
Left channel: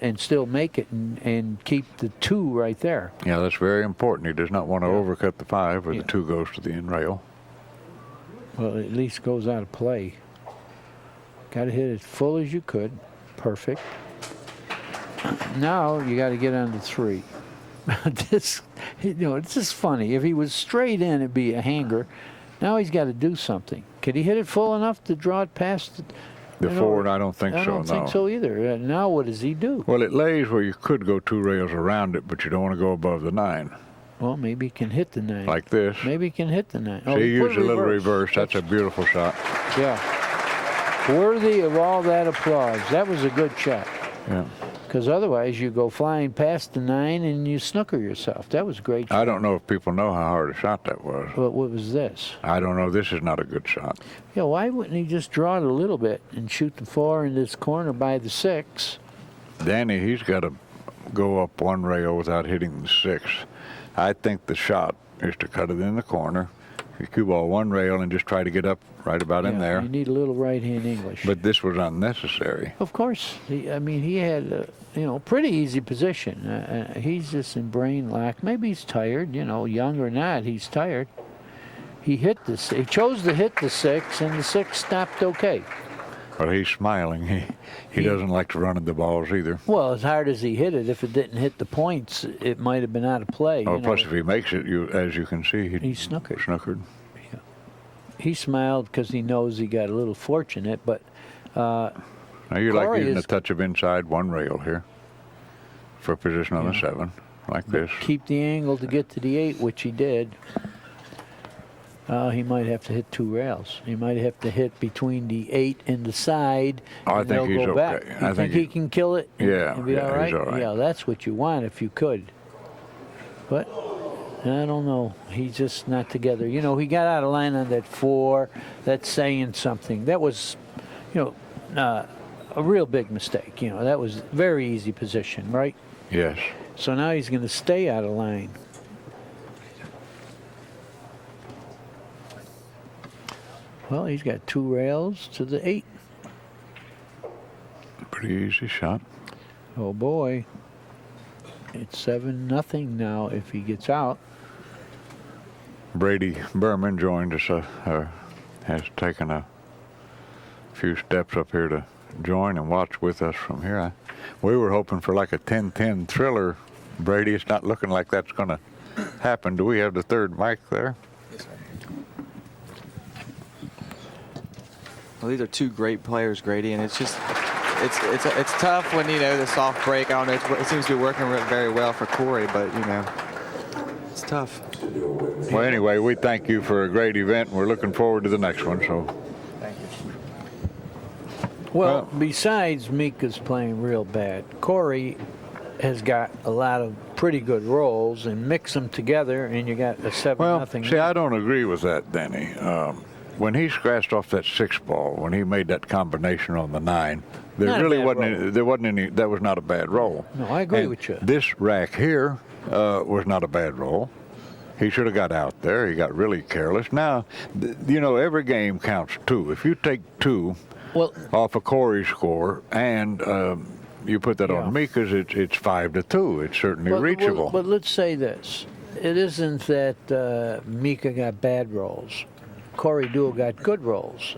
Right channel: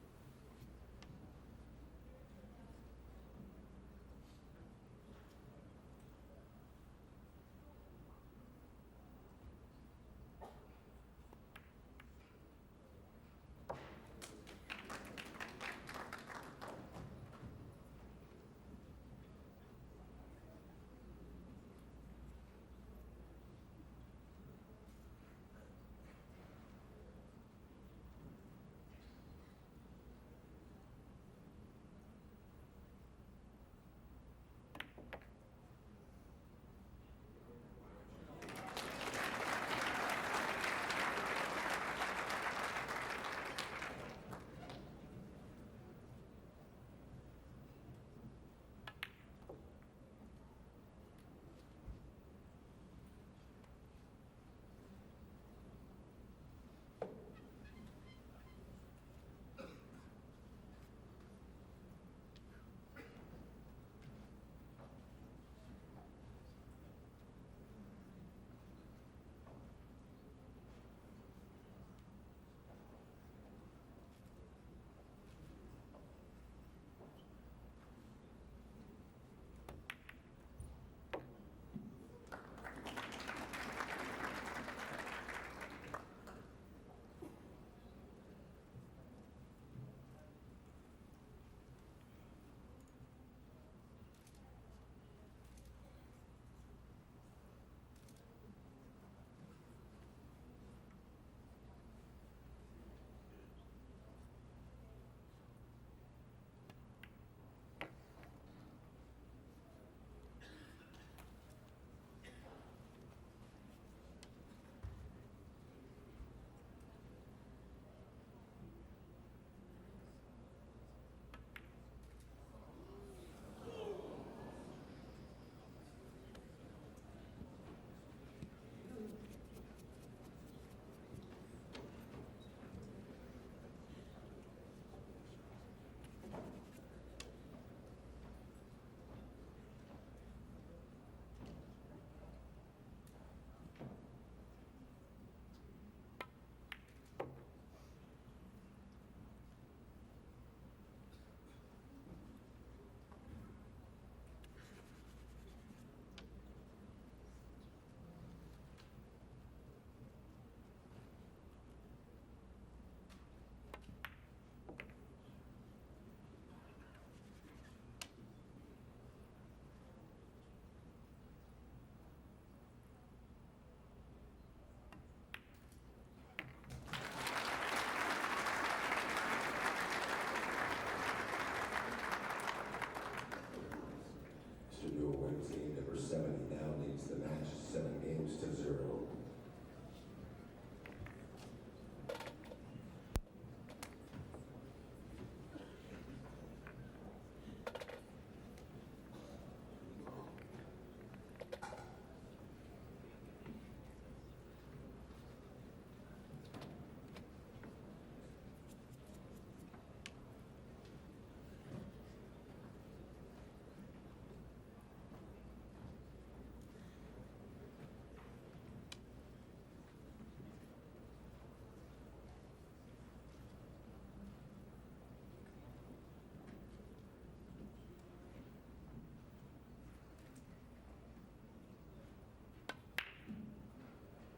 and still make it and keep the 2 right there. Yeah, that's very important. He does not want to overcut the 5, or the 2 goes to the end rail. Well, at least goes out of play. Got to hit it full as you could. Perfect. Now you got to get on the 3. It's just funny. If he was straight in, it'd be a hanger. Now he's got to do something. Could he hit it full enough to draw it past The forward, I don't think so, I don't think so either. Now what does he do? Well, it lays where you could go 2 rails around it, but you don't want to go above the 9. Well, maybe he can hit the 9. Like this. Maybe he can hit the 9. See, he used a little reverse. That's a beautiful shot. Yeah. Worthy of all that applause. That was a good shot. Yeah. Because otherwise you go flying past the 9 and you snooker yourself. That was a great shot. I don't know if people know how hard a shot that was. But what was this? I don't know. This is not a good shot. Yeah, why wouldn't he just draw it a little bit and shoot the 4 in this corner by the 6? Danny, he's got to go up 1 rail without hitting the 6. I think the shot is to cut it in the corner. You cue ball 1 rail and just try to get up right about in there. You need a little right-hand English. But this was unnecessary. Of course. He had pretty easy position. He's just in brain lack. Maybe he's tired, young or not, he's tired. He chose to hit the 6, and the 6 stopped okay. But he's smiling. He doesn't like to run at the balls either. Well, as hard as he hit it, if it didn't hit the points, it might have been out of play. Oh, plus if he makes it, as you can see, he snookered. Yeah. He smiled because he knows he got a little fortunate, but now you like using a touch of inside 1 rail here for position on the 7, like this. Keep the angle to get to the 8, which he did. He might have to hit 2 rails. He might have to hit between the 8 and the side. I think he's okay. Back. You think he can kill it? And be all right? He's all right. Yeah, that's what you want if you could. But I don't know. He's just not together. He got out of line on that 4. That's saying something. That was, a real big mistake. That was very easy position, right? Yes. So now he's going to stay out of line. Well, he's got 2 rails to the 8. Pretty easy shot. Oh boy. It's 7-0 now if he gets out. Brady Berman joined us, has taken a few steps up here to join and watch with us from here. We were hoping for like a 10-10 thriller. Brady, it's not looking like that's going to happen. Do we have the 3rd mic there? Well, these are 2 great players, Grady, and it's just it's tough when the soft break. I don't know. It seems to be working very well for Corey, but it's tough. Well, anyway, we thank you for a great event. We're looking forward to the next one. So. Thank you. Well, besides Mika's playing real bad, Corey has got a lot of pretty good rolls, and mix them together, and you got a 7-0. Well, see, I don't agree with that, Danny. When he scratched off that 6 ball, when he made that combination on the 9, there really wasn't any. That was not a bad roll. No, I agree with you. This rack here was not a bad roll. He should have got out there. He got really careless. Now, every game counts 2. If you take 2 off of Corey's score and you put that on Mika's, it's 5-2. It's certainly reachable. But let's say this: it isn't that Mika got bad rolls. Corey Deuel got good rolls,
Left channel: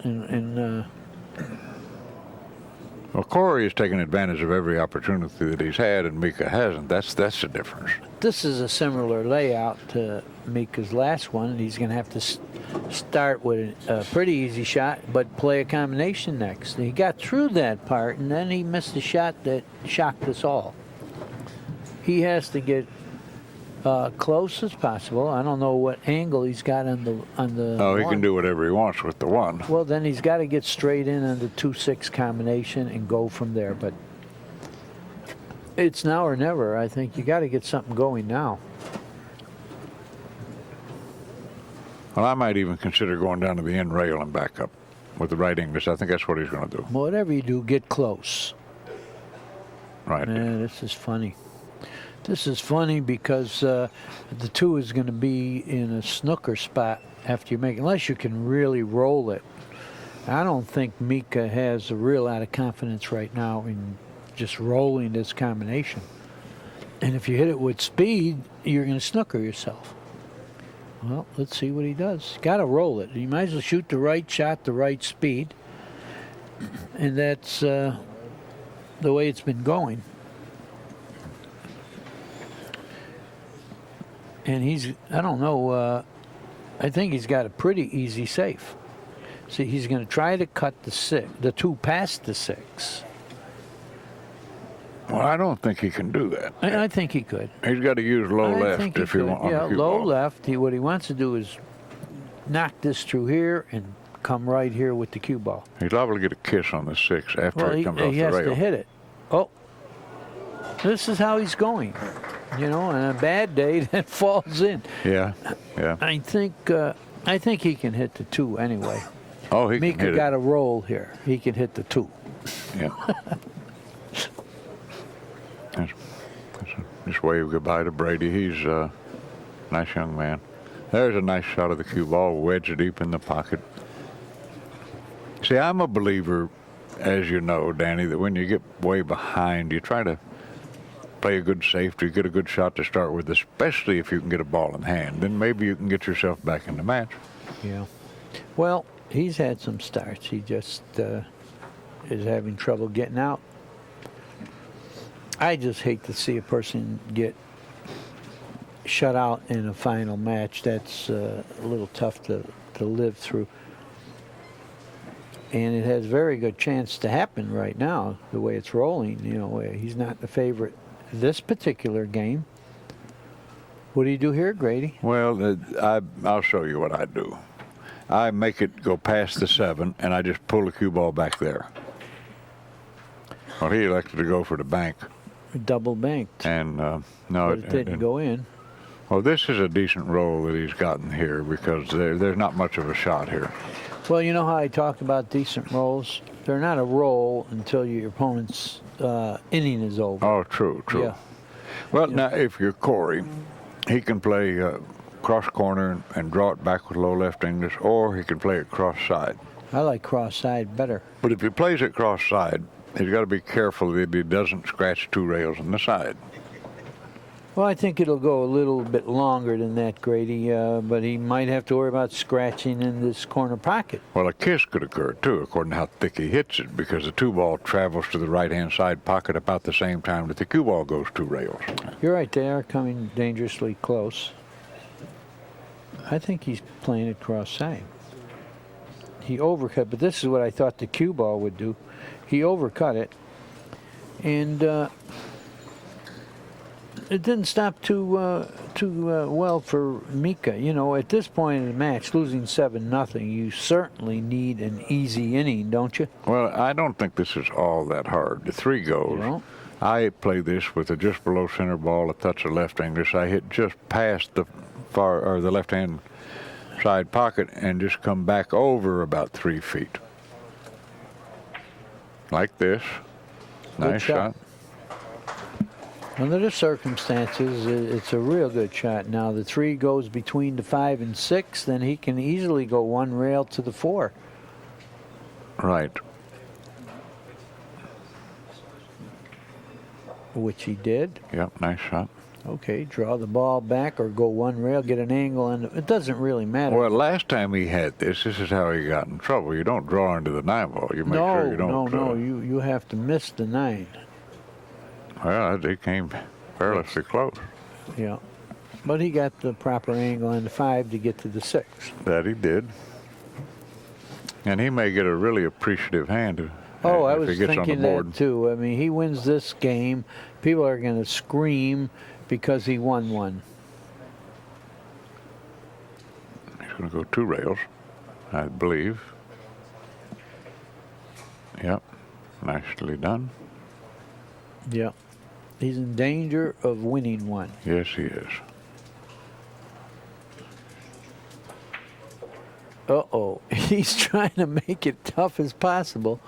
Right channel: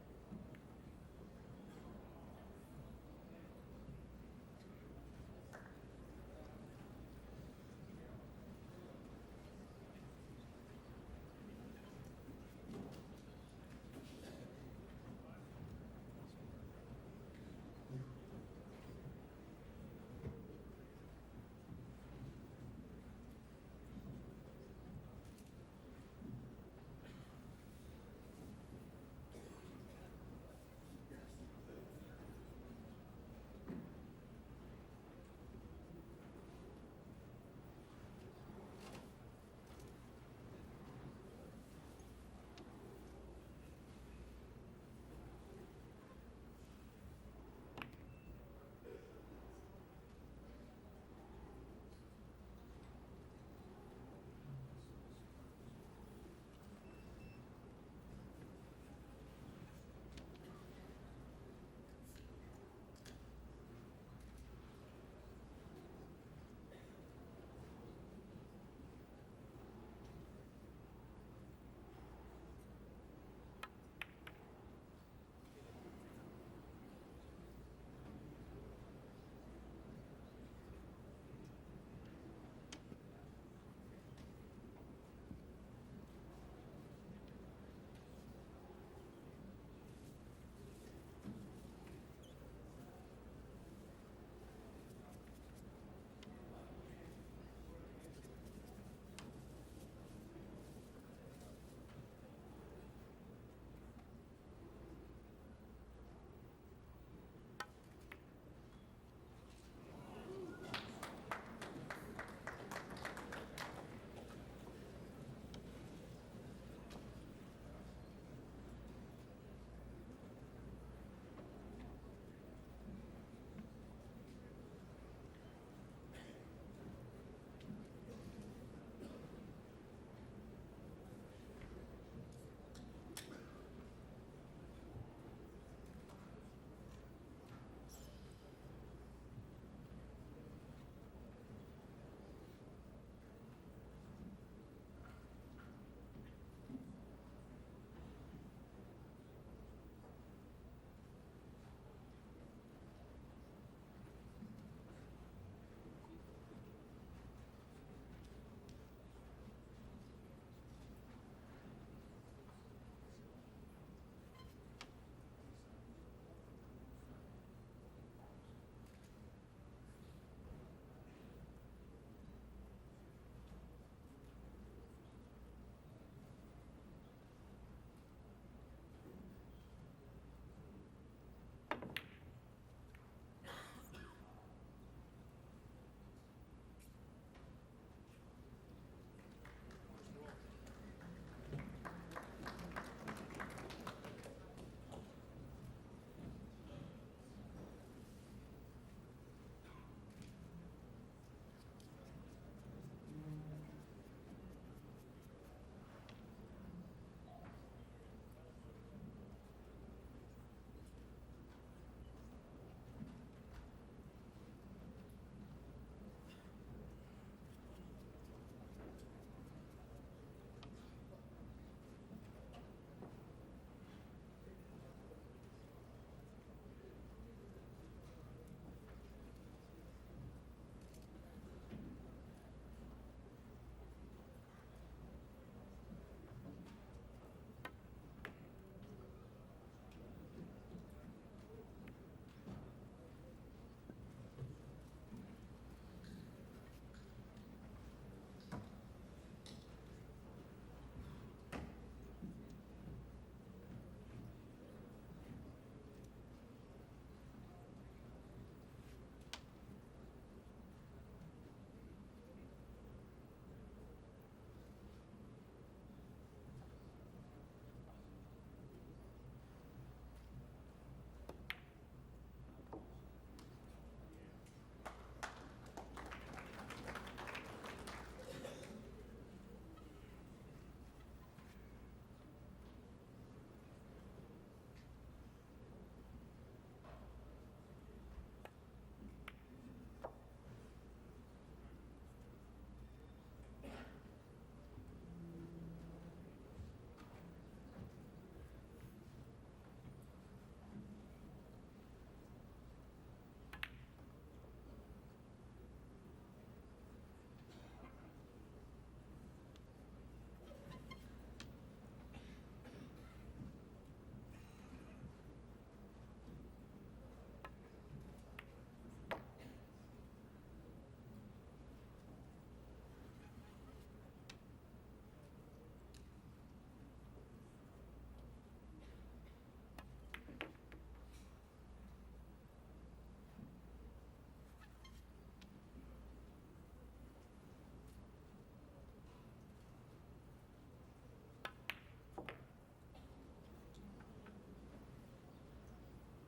Well, Corey has taken advantage of every opportunity that he's had, and Mika hasn't. That's the difference. This is a similar layout to Mika's last one. He's going to have to start with a pretty easy shot, but play a combination next. He got through that part, and then he missed a shot that shocked us all. He has to get close as possible. I don't know what angle he's got on the. Oh, he can do whatever he wants with the 1. Well, then he's got to get straight in on the 2-6 combination and go from there. But it's now or never. I think you got to get something going now. Well, I might even consider going down to the end rail and back up with the right English. I think that's what he's going to do. Whatever you do, get close. Right. Man, this is funny. This is funny because the 2 is going to be in a snooker spot after you make it, unless you can really roll it. I don't think Mika has a real lot of confidence right now in just rolling this combination. And if you hit it with speed, you're going to snooker yourself. Well, let's see what he does. Got to roll it. You might as well shoot the right shot, the right speed. And that's the way it's been going. And I don't know, I think he's got a pretty easy safe. See, he's going to try to cut the 2 past the 6. Well, I don't think he can do that. I think he could. He's got to use low I left think he if he could. wants. Yeah, low left. What he wants to do is knock this through here and come right here with the cue ball. He's liable to get a kiss on the 6 after Well, it comes off he the has rail. to hit it. Oh, this is how he's going. You know, on a bad day, that falls in. Yeah, yeah. I think he can hit the 2 anyway. Oh, he can Mika hit got it. a roll here. He can hit the 2. Yeah. Just wave goodbye to Brady. He's a nice young man. There's a nice shot of the cue ball, wedged deep in the pocket. See, I'm a believer, as you know, Danny, that when you get way behind, you try to play a good safety, get a good shot to start with, especially if you can get a ball in hand. Then maybe you can get yourself back in the match. Yeah. Well, he's had some starts. He just is having trouble getting out. I just hate to see a person get shut out in a final match. That's a little tough to live through. And it has very good chance to happen right now, the way it's rolling. You know, he's not the favorite this particular game. What do you do here, Grady? Well, I'll show you what I do. I make it go past the 7, and I just pull the cue ball back there. Well, he elected to go for the bank. Double banked. And no, But it didn't go in. Well, this is a decent roll that he's gotten here because there's not much of a shot here. Well, you know how I talked about decent rolls? They're not a roll until your opponent's inning is over. Oh, true. Yeah. Well, now, if you're Corey, he can play cross corner and draw it back with low left English, or he can play it cross side. I like cross side better. But if he plays it cross side, he's got to be careful that he doesn't scratch 2 rails on the side. Well, I think it'll go a little bit longer than that, Grady, but he might have to worry about scratching in this corner pocket. Well, a kiss could occur, too, according to how thick he hits it, because the 2 ball travels to the right-hand side pocket about the same time that the cue ball goes 2 rails. You're right, they are coming dangerously close. I think he's playing it cross side. He overcut, but this is what I thought the cue ball would do. He overcut it, and it didn't stop too well for Mika. You know, at this point in the match, losing 7-0, you certainly need an easy inning, don't you? Well, I don't think this is all that hard. The 3 goes. You know? I play this with a just below center ball, a touch of left English. I hit just past the the left-hand side pocket and just come back over about 3 feet. Like this. Good Nice shot. shot. Under the circumstances, it's a real good shot. Now the 3 goes between the 5 and 6, then he can easily go 1 rail to the 4. Right. Which he did. Yep, nice shot. Okay, draw the ball back or go 1 rail, get an angle, and it doesn't really matter. Well, last time he had this is how he got in trouble. You don't draw into the 9 ball. You make sure you don't. No, you have to miss the 9. Well, he came perilously close. Yeah, but he got the proper angle on the 5 to get to the 6. That he did. And he may get a really appreciative hand Oh, I if was he gets on the thinking board. that too. I mean, he wins this game, people are going to scream because he won one. He's going to go 2 rails, I believe. Yep, nicely done. Yeah. He's in danger of winning one. Yes, he is. Uh-oh. He's trying to make it tough as possible.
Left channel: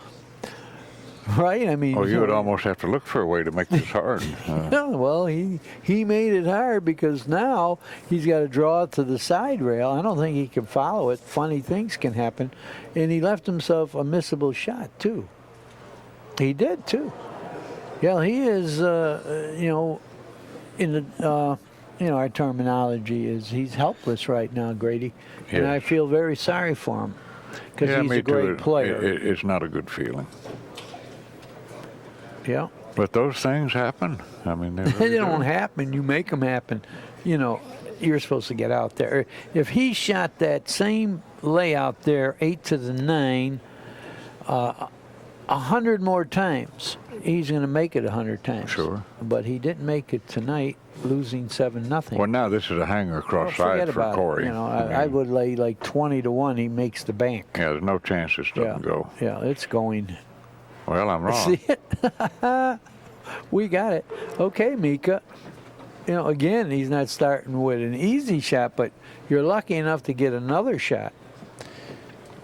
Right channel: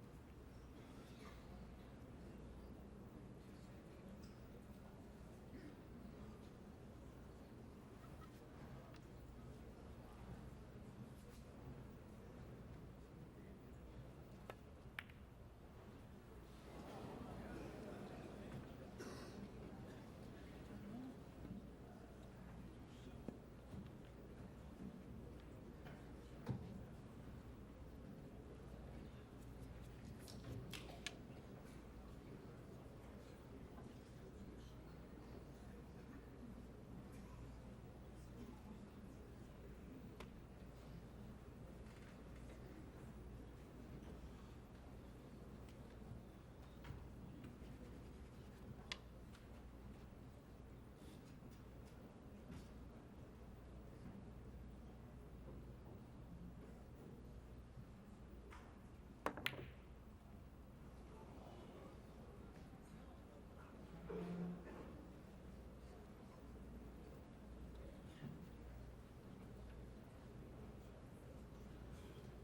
Right? I mean, Oh, you would almost have to look for a way to make this hard. yeah, well, he made it hard because now he's got to draw it to the side rail. I don't think he can follow it. Funny things can happen. And he left himself a missable shot, too. He did, too. Yeah, he is, you know, in the, you know, our terminology is he's helpless right now, Grady. And Yes. I feel very sorry for him because Yeah, he's me a great too. player. It's not a good feeling. Yeah. But those things happen. I mean, they They really don't do. happen. You make them happen. You know, you're supposed to get out there. If he shot that same layout there, 8 to the 9, 100 more times, he's going to make it 100 times. Sure. But he didn't make it tonight, losing 7-0. Well, now this is a hanger across Forget side for about Corey. it. You know, I would lay like 20 to 1. He makes the bank. Yeah, there's no chance this doesn't go. Yeah, it's going. Well, I'm wrong. See it? We got it. Okay, Mika. You know, again, he's not starting with an easy shot, but you're lucky enough to get another shot.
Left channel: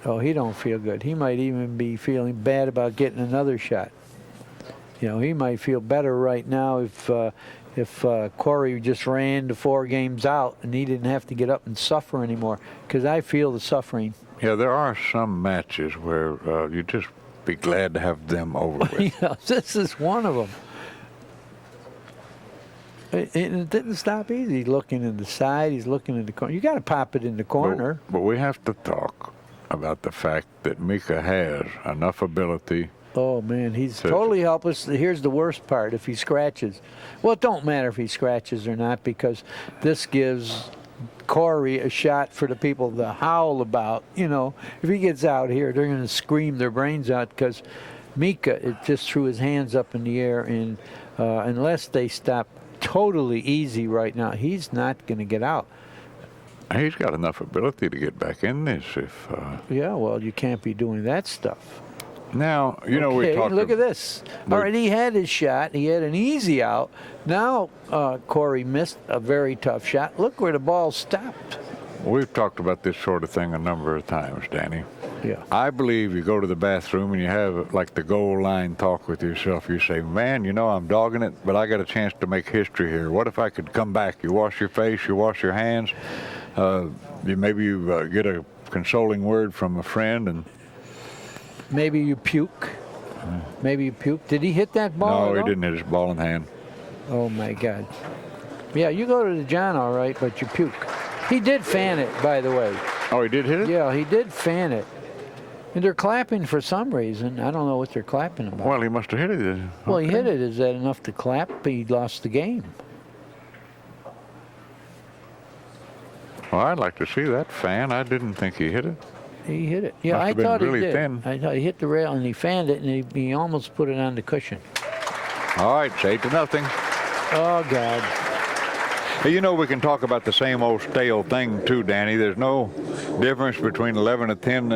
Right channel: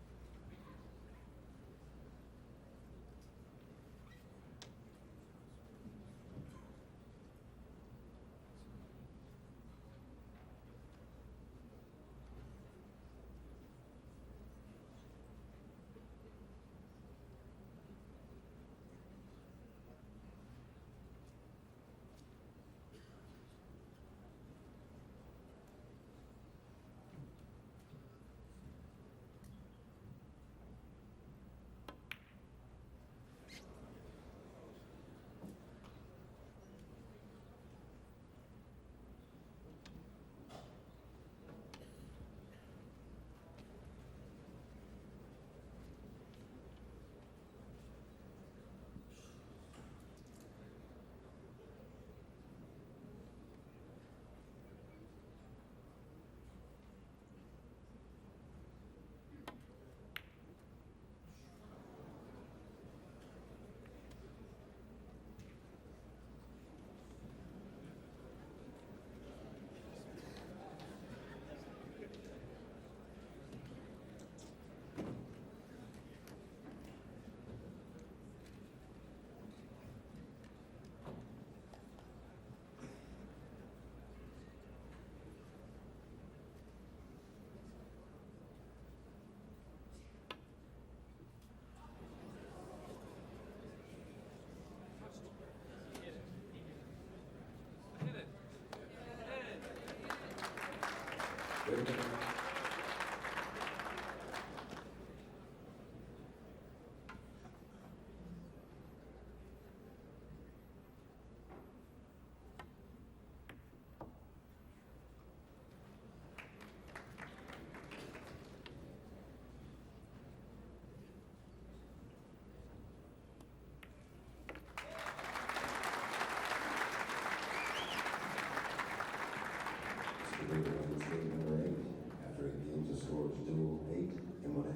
Oh, he don't feel good. He might even be feeling bad about getting another shot. You know, he might feel better right now if Corey just ran the 4 games out and he didn't have to get up and suffer anymore, because I feel the suffering. Yeah, there are some matches where you just be glad to have them over with. Yeah, this is one of them. It didn't stop easy. He's looking in the side. He's looking in the corner. You got to pop it in the corner. But we have to talk about the fact that Mika has enough ability. Oh, man, he's totally helpless. Here's the worst part. If he scratches. Well, it don't matter if he scratches or not, because this gives Corey a shot for the people to howl about. You know, if he gets out here, they're going to scream their brains out, because Mika just threw his hands up in the air, and unless they stop totally easy right now, he's not going to get out. He's got enough ability to get back in this if... Yeah, well, you can't be doing that stuff. Now, you know, we Okay, talked... look at this. All right, he had his shot. He had an easy out. Now Corey missed a very tough shot. Look where the ball stopped. We've talked about this sort of thing a number of times, Danny. Yeah. I believe you go to the bathroom and you have like the goal line talk with yourself. You say, man, you know, I'm dogging it, but I got a chance to make history here. What if I could come back? You wash your face, you wash your hands. Maybe you get a consoling word from a friend, and Maybe you puke. Maybe you puke. Did he hit that ball? no, at he all? didn't hit his ball in hand. Oh, my God. Yeah, you go to the John all right, but you puke. He did fan it, by the way. Oh, he did hit it? Yeah, he did fan it. And they're clapping for some reason. I don't know what they're clapping about. Well, he must have hit it. Well, he hit it. Is that enough to clap? He lost the game. Well, I'd like to see that fan. I didn't think he hit it. He hit it. Yeah, Must I have been thought really he did. thin. I thought he hit the rail and he fanned it, and he almost put it on the cushion. All right, it's 8-0. Oh, God. Hey, you know, we can talk about the same old stale thing, too, Danny. There's no difference between 11-10 and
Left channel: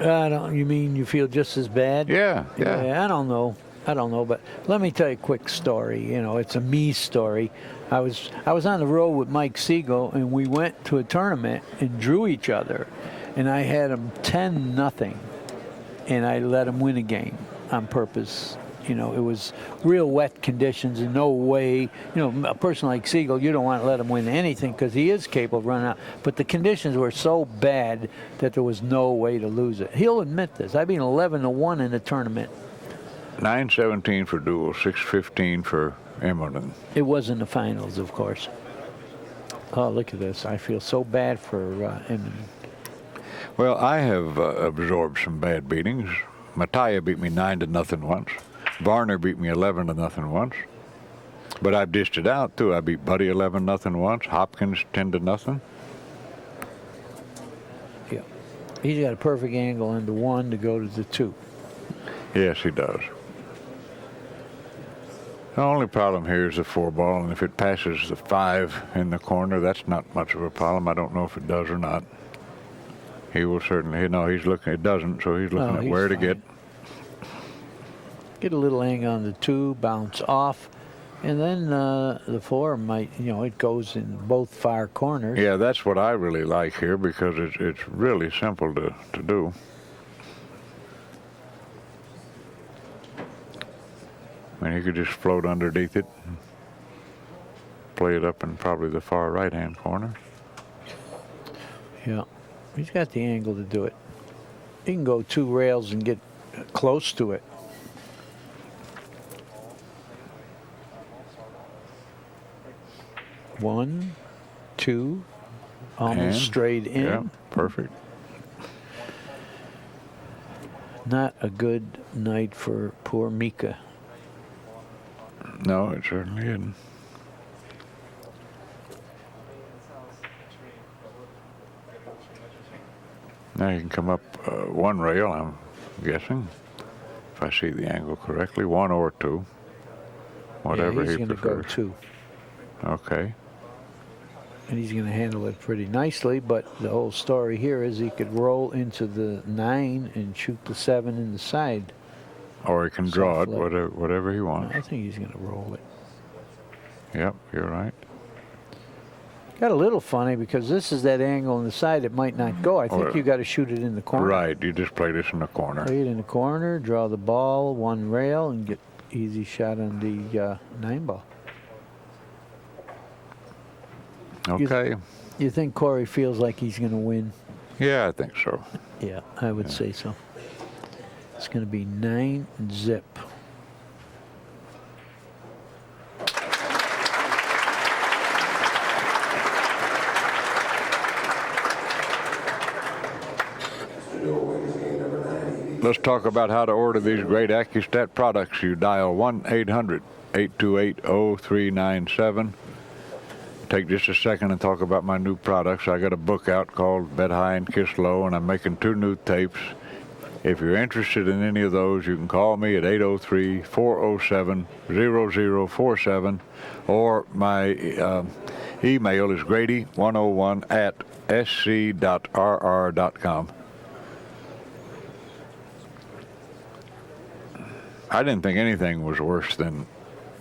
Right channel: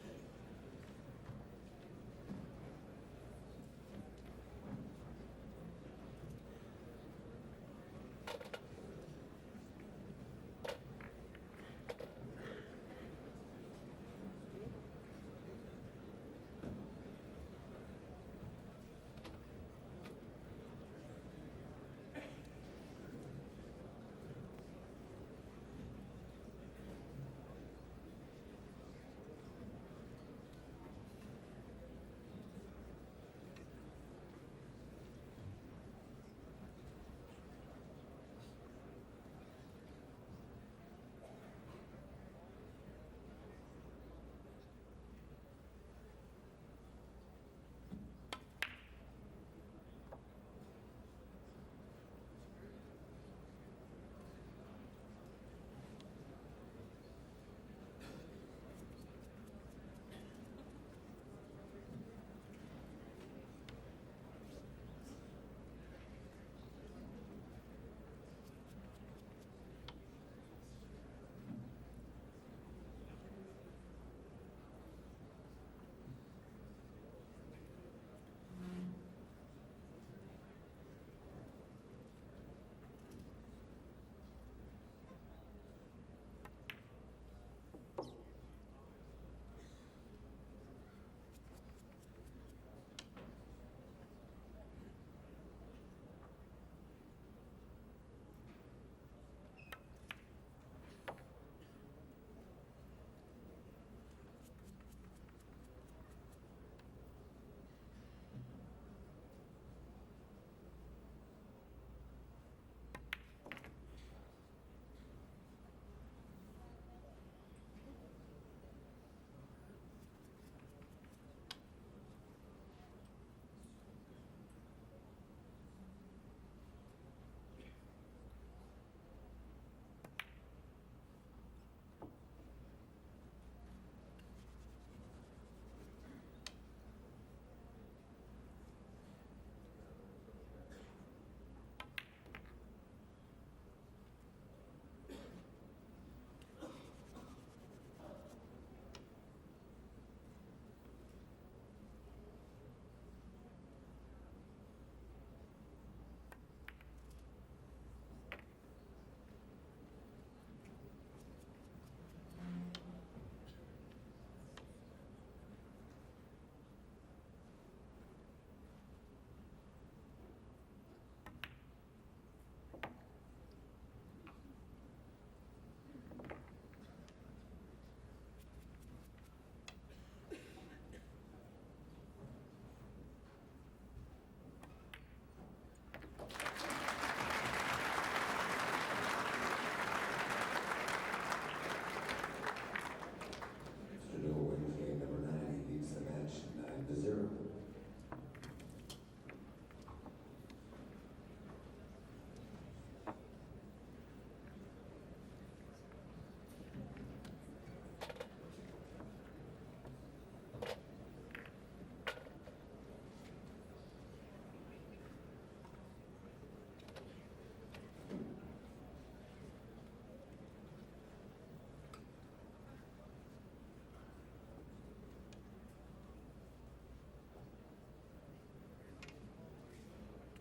11-0. You mean you feel just as bad? Yeah. I don't know. But let me tell you a quick story. You know, it's a me story. I was on the road with Mike Siegel, and we went to a tournament and drew each other, and I had him 10-0, and I let him win a game on purpose. You know, it was real wet conditions and no way. You know, a person like Siegel, you don't want to let him win anything because he is capable of running out. But the conditions were so bad that there was no way to lose it. He'll admit this. I've been 11-1 in the tournament. 9-17 for Deuel, 6-15 for Immonen. It was in the finals, of course. Oh, look at this. I feel so bad for Immonen. Well, I have absorbed some bad beatings. Mattia beat me 9-0 once. Varner beat me 11-0 once. But I've dished it out, too. I beat Buddy 11-0 once. Hopkins 10-0. Yeah. He's got a perfect angle on the 1 to go to the 2. Yes, he does. The only problem here is the 4-ball, and if it passes the 5 in the corner, that's not much of a problem. I don't know if it does or not. He will certainly, no, he's looking, it doesn't, so he's looking at he's where to fine. get. Get a little angle on the 2, bounce off, and then the 4 might, you know, it goes in both far corners. Yeah, that's what I really like here because it's really simple to do. I mean, he could just float underneath it, and play it up in probably the far right-hand corner. Yeah, he's got the angle to do it. He can go 2 rails and get close to it. One, 2, almost And, straight in. Yeah, perfect. Not a good night for poor Mika. No, it certainly isn't. Now you can come up one rail, I'm guessing, if I see the angle correctly, one or two, whatever he's he going to prefers. go 2. Okay. And he's going to handle it pretty nicely, but the whole story here is he could roll into the 9 and shoot the 7 in the side. Or he can draw it, Soft lip. whatever he wants. I think he's going to roll it. Yep, you're right. Got a little funny because this is that angle on the side it might not go. I think Or- you got to shoot it in the corner. Right, you just play this in the corner. Play it in the corner, draw the ball, 1 rail, and get easy shot on the 9 ball. Okay. You think Corey feels like he's going to win? Yeah, I think so. Yeah, I would say so. It's going to be 9 zip. Mr. Deuel wins game number 9. Let's talk about how to order these great Accu-Stat products. You dial 1-800-828-0397. Take just a second and talk about my new products. I got a book out called Bet High and Kiss Low, and I'm making 2 new tapes. If you're interested in any of those, you can call me at 803-407-0047, or my email is grady101@sc.rr.com. I didn't think anything was worse than,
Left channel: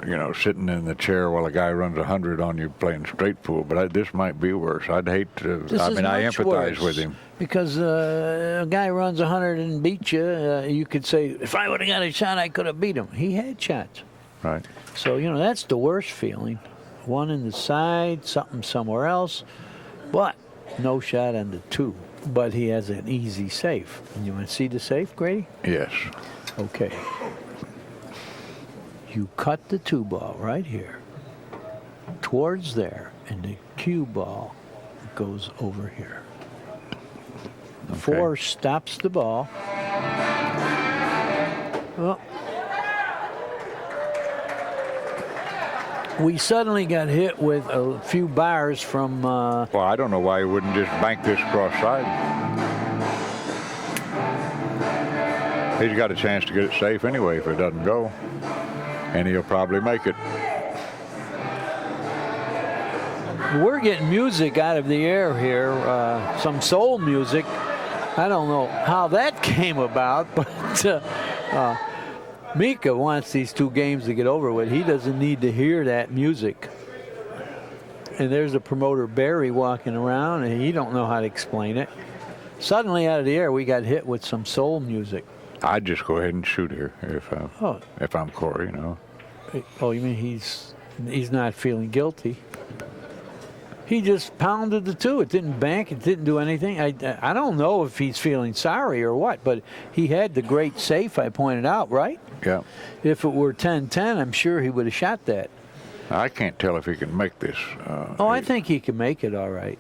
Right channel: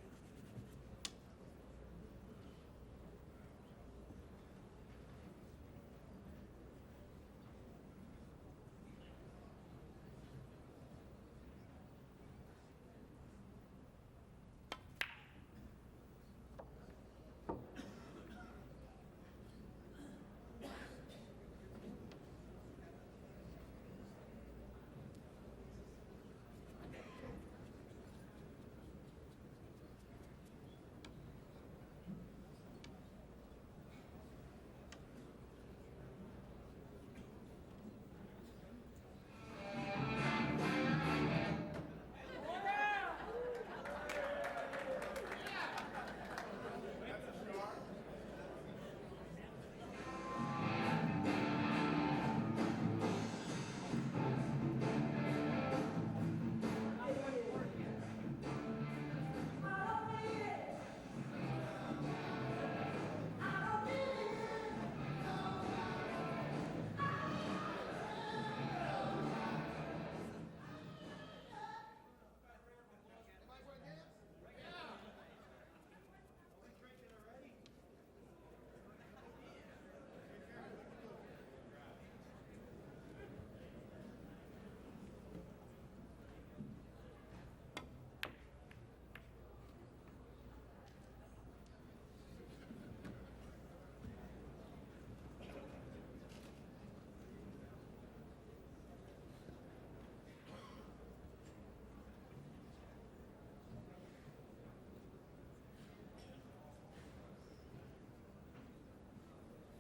you know, sitting in the chair while a guy runs 100 on you playing straight pool, but this might be worse. I'd hate to, I mean, I empathize with him. Because a guy runs 100 and beats you, you could say, if I would have got a shot, I could have beat him. He had shots. Right. So, you know, that's the worst feeling. 1 in the side, something somewhere else, but no shot on the 2. But he has an easy safe. You want to see the safe, Grady? Yes. Okay. You cut the 2 ball right here towards there, and the cue ball goes over here. The 4 stops the ball. Well, we suddenly got hit with a few bars from Well, I don't know why he wouldn't just bank this cross side. He's got a chance to get it safe anyway if it doesn't go. And he'll probably make it. We're getting music out of the air here, some soul music. I don't know how that came about, but Mika wants these 2 games to get over with. He doesn't need to hear that music. And there's the promoter, Barry, walking around, and he don't know how to explain it. Suddenly, out of the air, we got hit with some soul music. I'd just go ahead and shoot here if I'm Corey, you know. Oh, you mean he's not feeling guilty? He just pounded the 2. It didn't bank. It didn't do anything. I don't know if he's feeling sorry or what, but he had the great safe I pointed out, right? Yeah. If it were 10-10, I'm sure he would have shot that. I can't tell if he can make this. I think he can make it all right.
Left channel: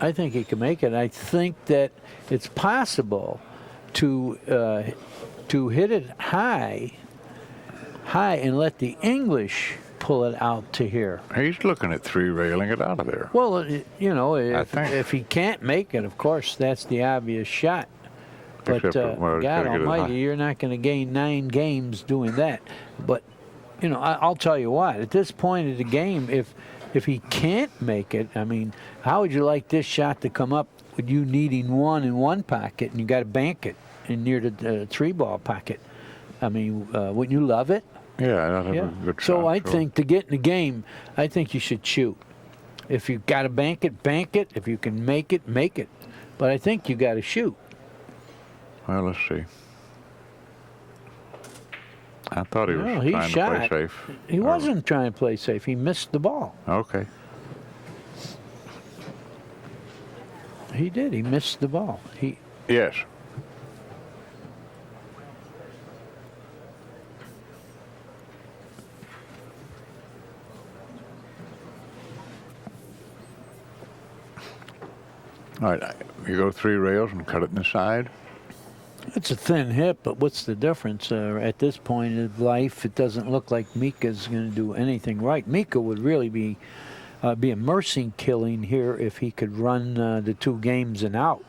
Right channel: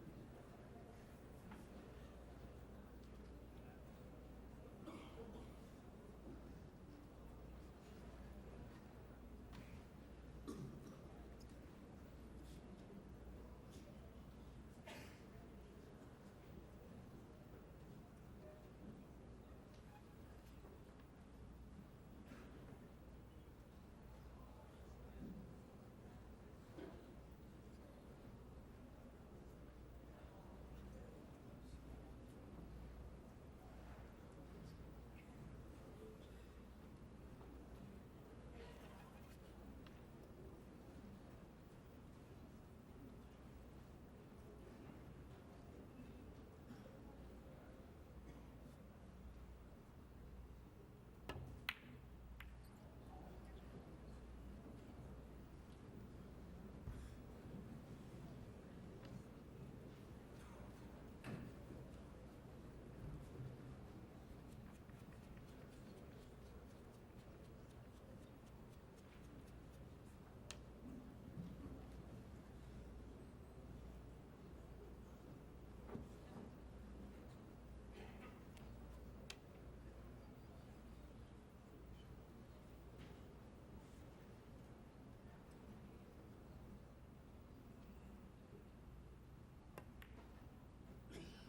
I think he can make it. I think that it's possible to hit it high and let the English pull it out to here. He's looking at 3 railing it out of there. Well, you know, think. if he can't make it, of course, that's the obvious shot. But Except, well, he's God gotta get it almighty, high. you're not going to gain 9 games doing that. But, you know, I'll tell you what, at this point of the game, if he can't make it, I mean, how would you like this shot to come up with you needing 1 in one pocket and you got to bank it in near the 3-ball pocket? I mean, wouldn't you love it? Yeah, that'd have a good shot. So I sure. think to get in the game, I think you should shoot. If you got to bank it, bank it. If you can make it, make it. But I think you got to shoot. Well, let's see. I thought he was No, he trying shot. to play safe. He wasn't trying to play safe. He missed the ball. Okay. He did. He missed the ball. Yes. All right, you go 3 rails and cut it in the side. It's a thin hip, but what's the difference? At this point of life, it doesn't look like Mika's going to do anything right. Mika would really be a mercy killing here if he could run the 2 games and out.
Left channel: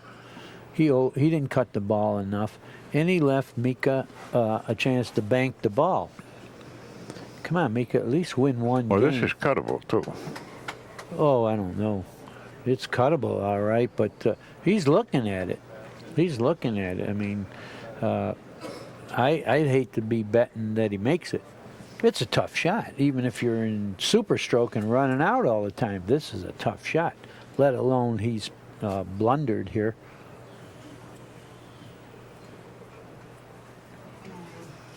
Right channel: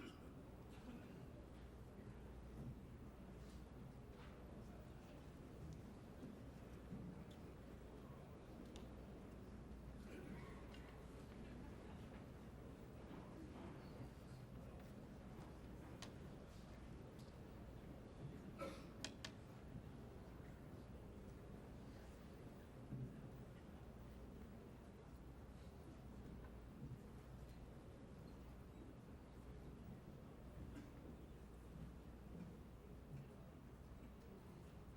He didn't cut the ball enough, and he left Mika a chance to bank the ball. Come on, Mika, at least win one Well, game. this is cuttable, too. Oh, I don't know. It's cuttable, all right, but he's looking at it. He's looking at it. I mean, I'd hate to be betting that he makes it. It's a tough shot, even if you're in super stroke and running out all the time. This is a tough shot, let alone he's blundered here.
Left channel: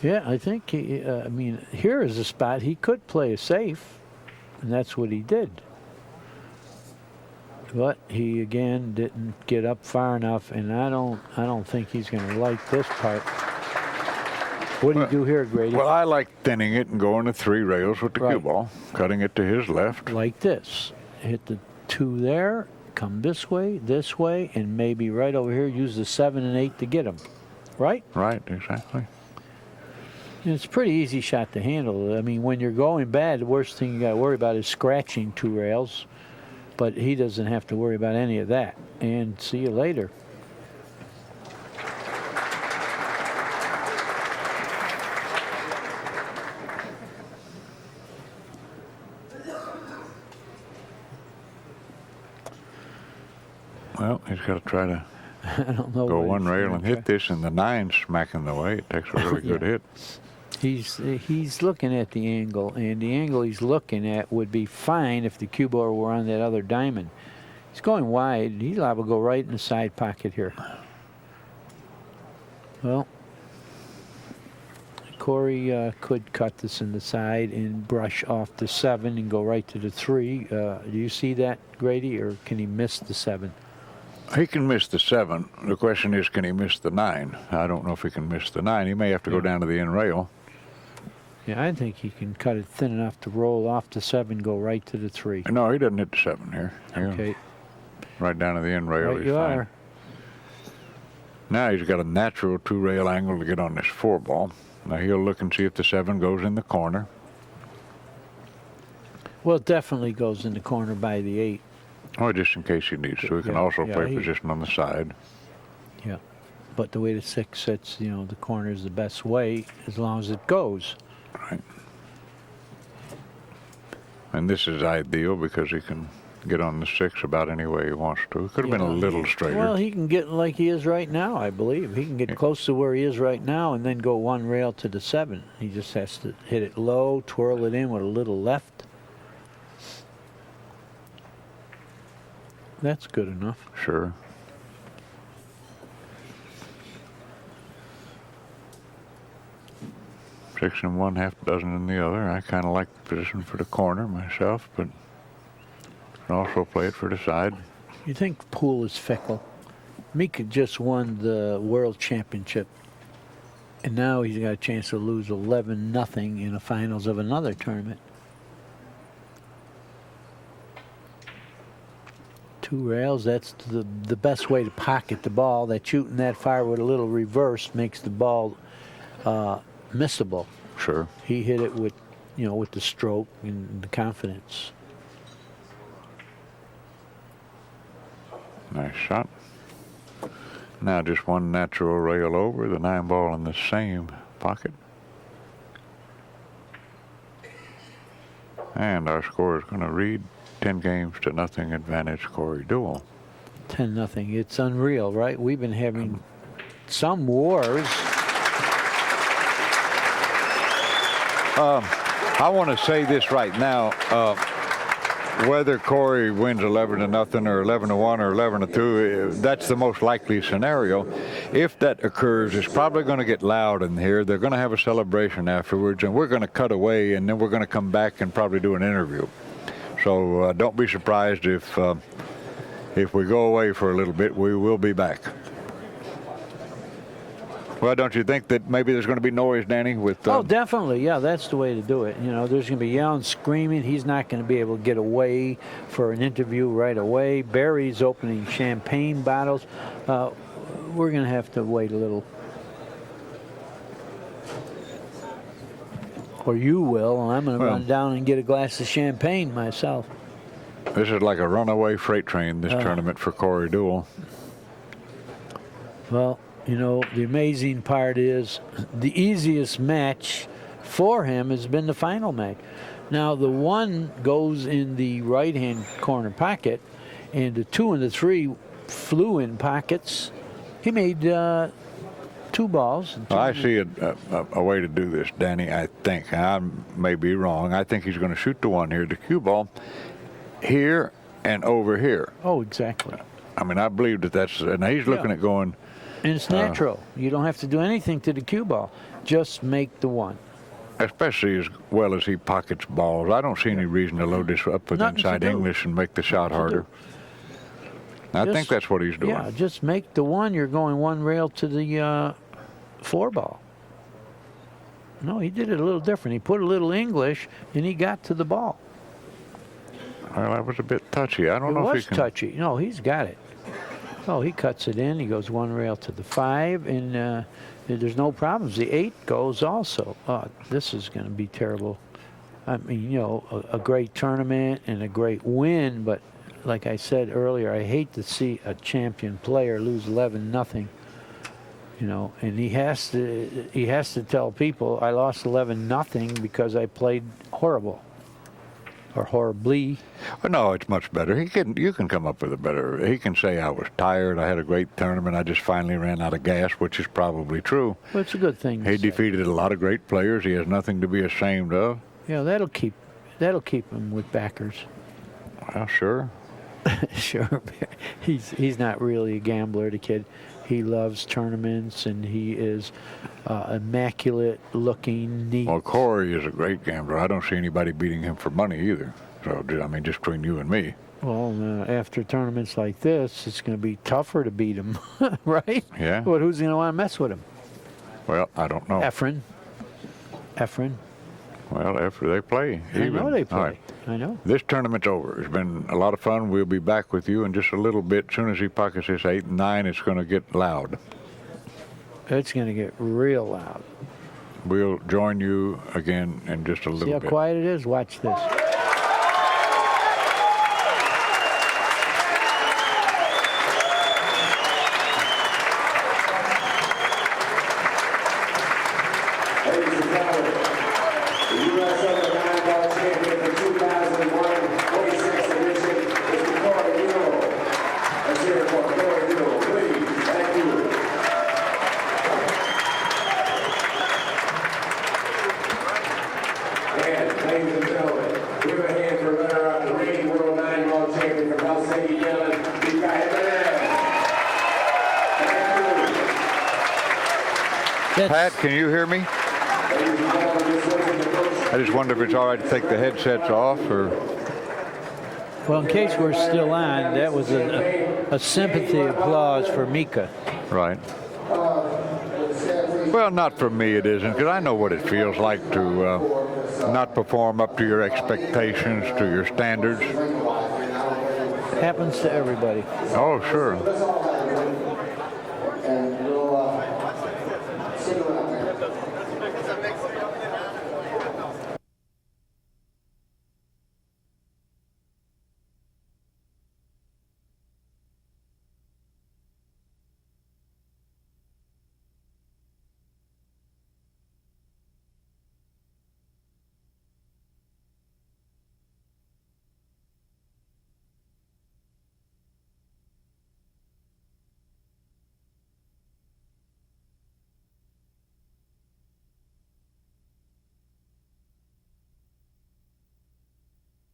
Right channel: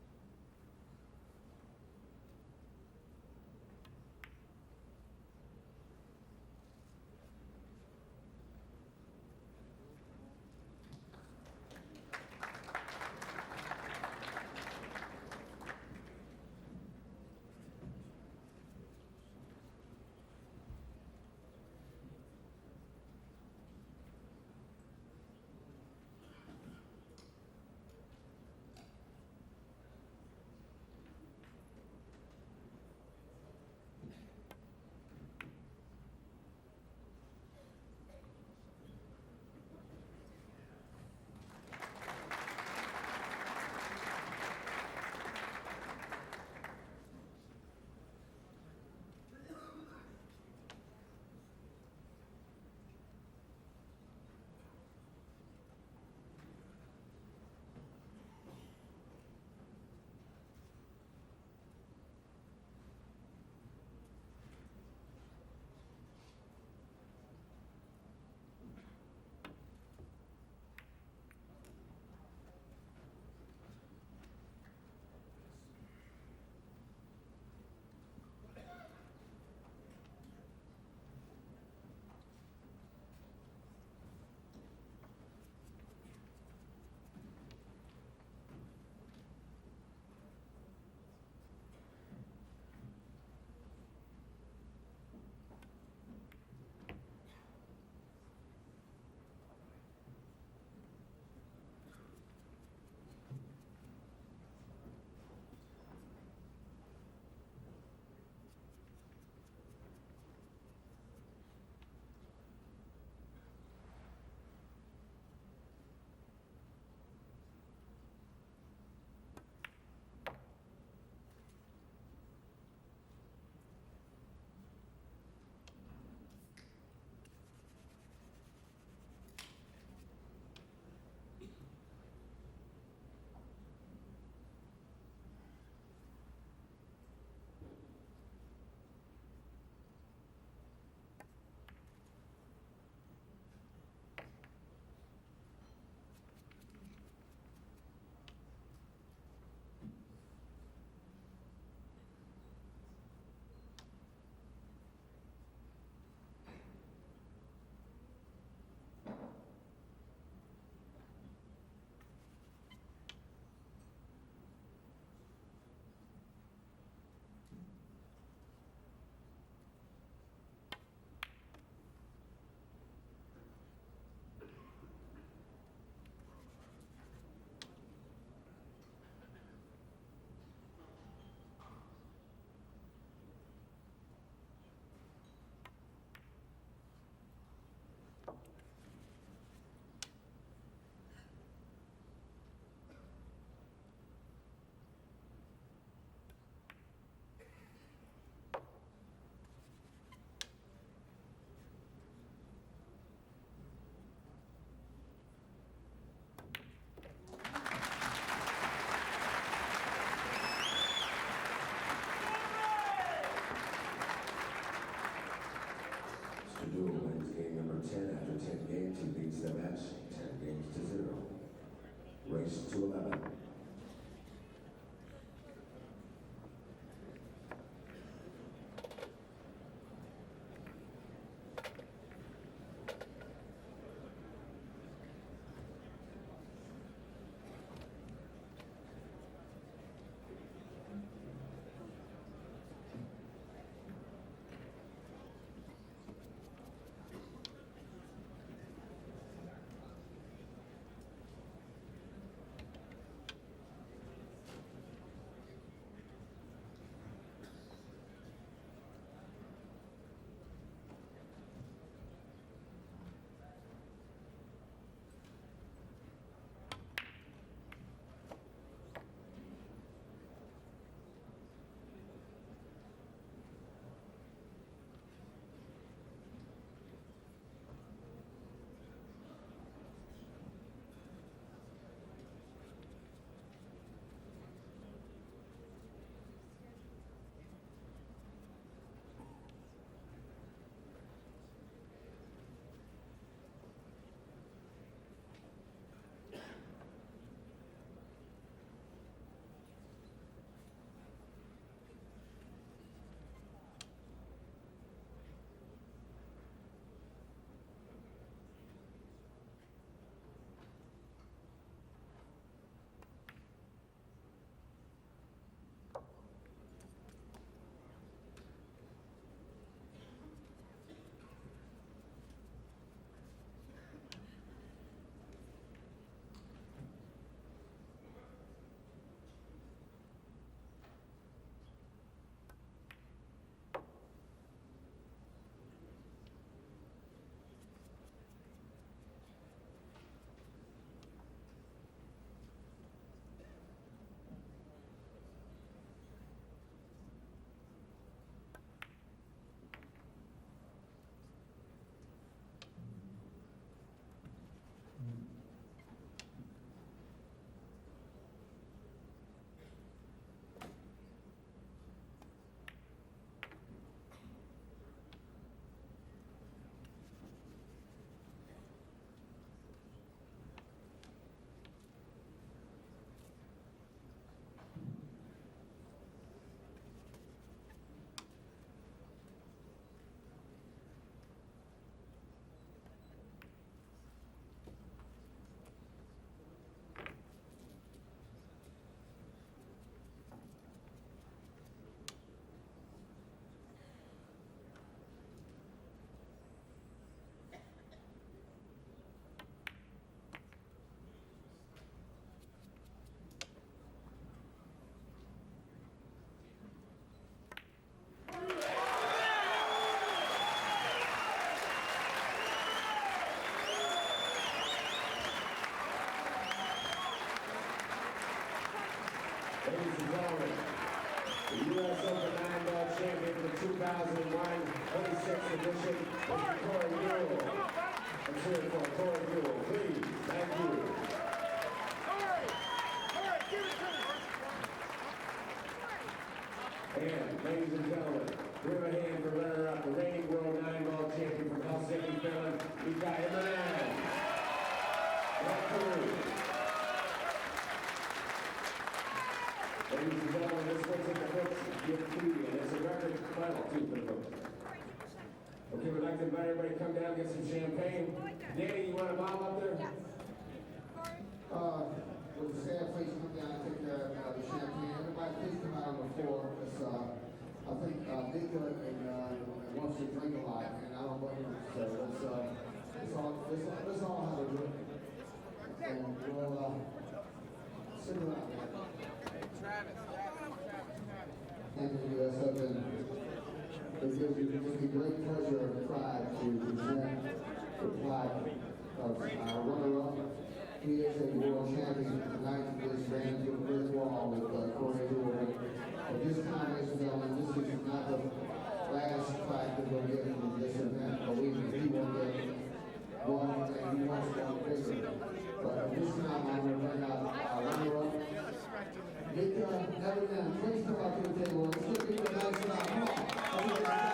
Yeah, I think I mean, here is a spot he could play it safe, and that's what he did. But he again didn't get up far enough, and I don't think he's going to like this part. What do you do here, Grady? Well, I like thinning it and going to 3 rails with the cue ball, cutting it to his left. Like this. Hit the 2 there, come this way, and maybe right over here, use the 7 and 8 to get him. Right? Right, exactly. And it's a pretty easy shot to handle. I mean, when you're going bad, the worst thing you got to worry about is scratching 2 rails. But he doesn't have to worry about any of that. And see you later. Well, he's got to try to I don't know go what 1 he's rail gonna and hit try. this, and the 9's smacking the way. It takes a really good hit. He's looking at the angle, and the angle he's looking at would be fine if the cue ball were on that other diamond. He's going wide. He's liable to go right in the side pocket here. Well, Corey could cut this in the side and brush off the 7 and go right to the 3. Do you see that, Grady, or can he miss the 7? He can miss the 7. The question is, can he miss the 9? I don't know if he can miss the 9. He may have to go down to the end rail. Yeah, I think he can cut it thin enough to roll off the 7, go right to the 3. No, he doesn't hit the 7 here. Okay. Right down to the end rail. Right He's you fine. are. Now he's got a natural 2-rail angle to get on this 4 ball. Now he'll look and see if the 7 goes in the corner. Well, it definitely goes in the corner by the 8. Oh, just in case he needs to. He can also play position on the side. Yeah. But the way the 6 sits, you know, the corner is the best way as long as it goes. Right. And this is ideal because he can get on the 6 about any way he wants to. It could have been a little straighter. Well, he can get like he is right now, I believe. He can get close to where he is right now and then go 1 rail to the 7. He just has to hit it low, twirl it in with a little left. That's good enough. Sure. Six in one, half a dozen in the other. I kind of like the position for the corner myself, but can also play it for the side. You think pool is fickle? Mika just won the World Championship, and now he's got a chance to lose 11-0 in the finals of another tournament. 2 rails, that's the best way to pocket the ball. That shooting that far with a little reverse makes the ball missable. Sure. He hit it with, you know, with the stroke and the confidence. Nice shot. Now just 1 natural rail over, the 9 ball in the same pocket. And our score is going to read 10-0 advantage Corey Deuel. 10-0. It's unreal, right? We've been having some wars. I want to say this right now. Whether Corey wins 11-0 or 11-1 or 11-2, that's the most likely scenario. If that occurs, it's probably going to get loud in here. They're going to have a celebration afterwards, and we're going to cut away, and then we're going to come back and probably do an interview. So don't be surprised if we go away for a little bit. We will be back. Well, don't you think that maybe there's going to be noise, Danny? With Oh, definitely. Yeah, that's the way to do it. You know, there's going to be yelling, screaming. He's not going to be able to get away for an interview right away. Barry's opening champagne bottles. We're going to have to wait a little. Or you will, and I'm going to run down and get a glass of champagne myself. This is like a runaway freight train, this tournament for Corey Deuel. Well, you know, the amazing part is the easiest match for him has been the final match. Now, the 1 goes in the right-hand corner pocket, and the 2 and the 3 flew in pockets. He made 2 balls. And I see a way to do this, Danny, I think. I may be wrong. I think he's going to shoot the 1 here, the cue ball, here and over here. Oh, exactly. I mean, I believe that's, and he's looking at going. And it's natural. You don't have to do anything to the cue ball. Just make the 1. Especially as well as he pockets balls. I don't see any reason to load this up with inside English and make the shot harder. I think that's what he's doing. Yeah, just make the 1. You're going 1 rail to the 4 ball. No, he did it a little different. He put a little English, and he got to the ball. Well, that was a bit touchy. I don't know if he can. It was touchy. No, he's got it. Oh, he cuts it in. He goes 1 rail to the 5, and there's no problems. The 8 goes also. Oh, this is going to be terrible. I mean, you know, a great tournament and a great win, but like I said earlier, I hate to see a champion player lose 11-0. You know, and he has to tell people I lost 11-0 because I played horrible. Or horribly. Well, no, it's much better. You can come up with a better. He can say I was tired. I had a great tournament. I just finally ran out of gas, which is probably true. Well, it's a good thing. He defeated a lot of great players. He has nothing to be ashamed of. Yeah, that'll keep him with backers. Well, sure. Sure. He's not really a gambler, the kid. He loves tournaments, and he is immaculate looking, neat. Well, Corey is a great gambler. I don't see anybody beating him for money either. So, I mean, just between you and me. Well, after tournaments like this, it's going to be tougher to beat him, right? Yeah. But who's going to want to mess with him? Well, I don't know. Efren. Well, after they play. I know they play. All right. I know. This tournament's over. It's been a lot of fun. We'll be back with you in just a little bit. As soon as he pockets this 8 and 9, it's going to get loud. It's going to get real loud. We'll join you again in just a little bit. See how quiet it is? Watch this. Ladies and gentlemen, the U.S. Open 9-ball champion for 2001 46th edition is the Corey Deuel. Let's hear it for Corey Deuel, please. Thank you. And, ladies and gentlemen, give a hand for runner-up, the reigning world 9-ball champion from Helsinki, Finland, Mika IMMONEN. Thank you. Pat, can you hear me? I just wonder if it's all right to take the headsets off, or. Well, in case we're still on, that was a sympathy applause for Mika. Right. Well, not for me it isn't, because I know what it feels like to not perform up to your expectations, to your standards. Happens to everybody. Oh, sure. He is a world champion tonight. He just ran into a brick wall with Corey Deuel. At this time, ladies and gentlemen, this is not the last fight that we'll get from this event. Believe me, he will get one, and he wants one bigger. But at this time, I'm going to bring out our runner-up. Mika IMMONEN, please come up to the table. Let's look at the nice shot. Come on.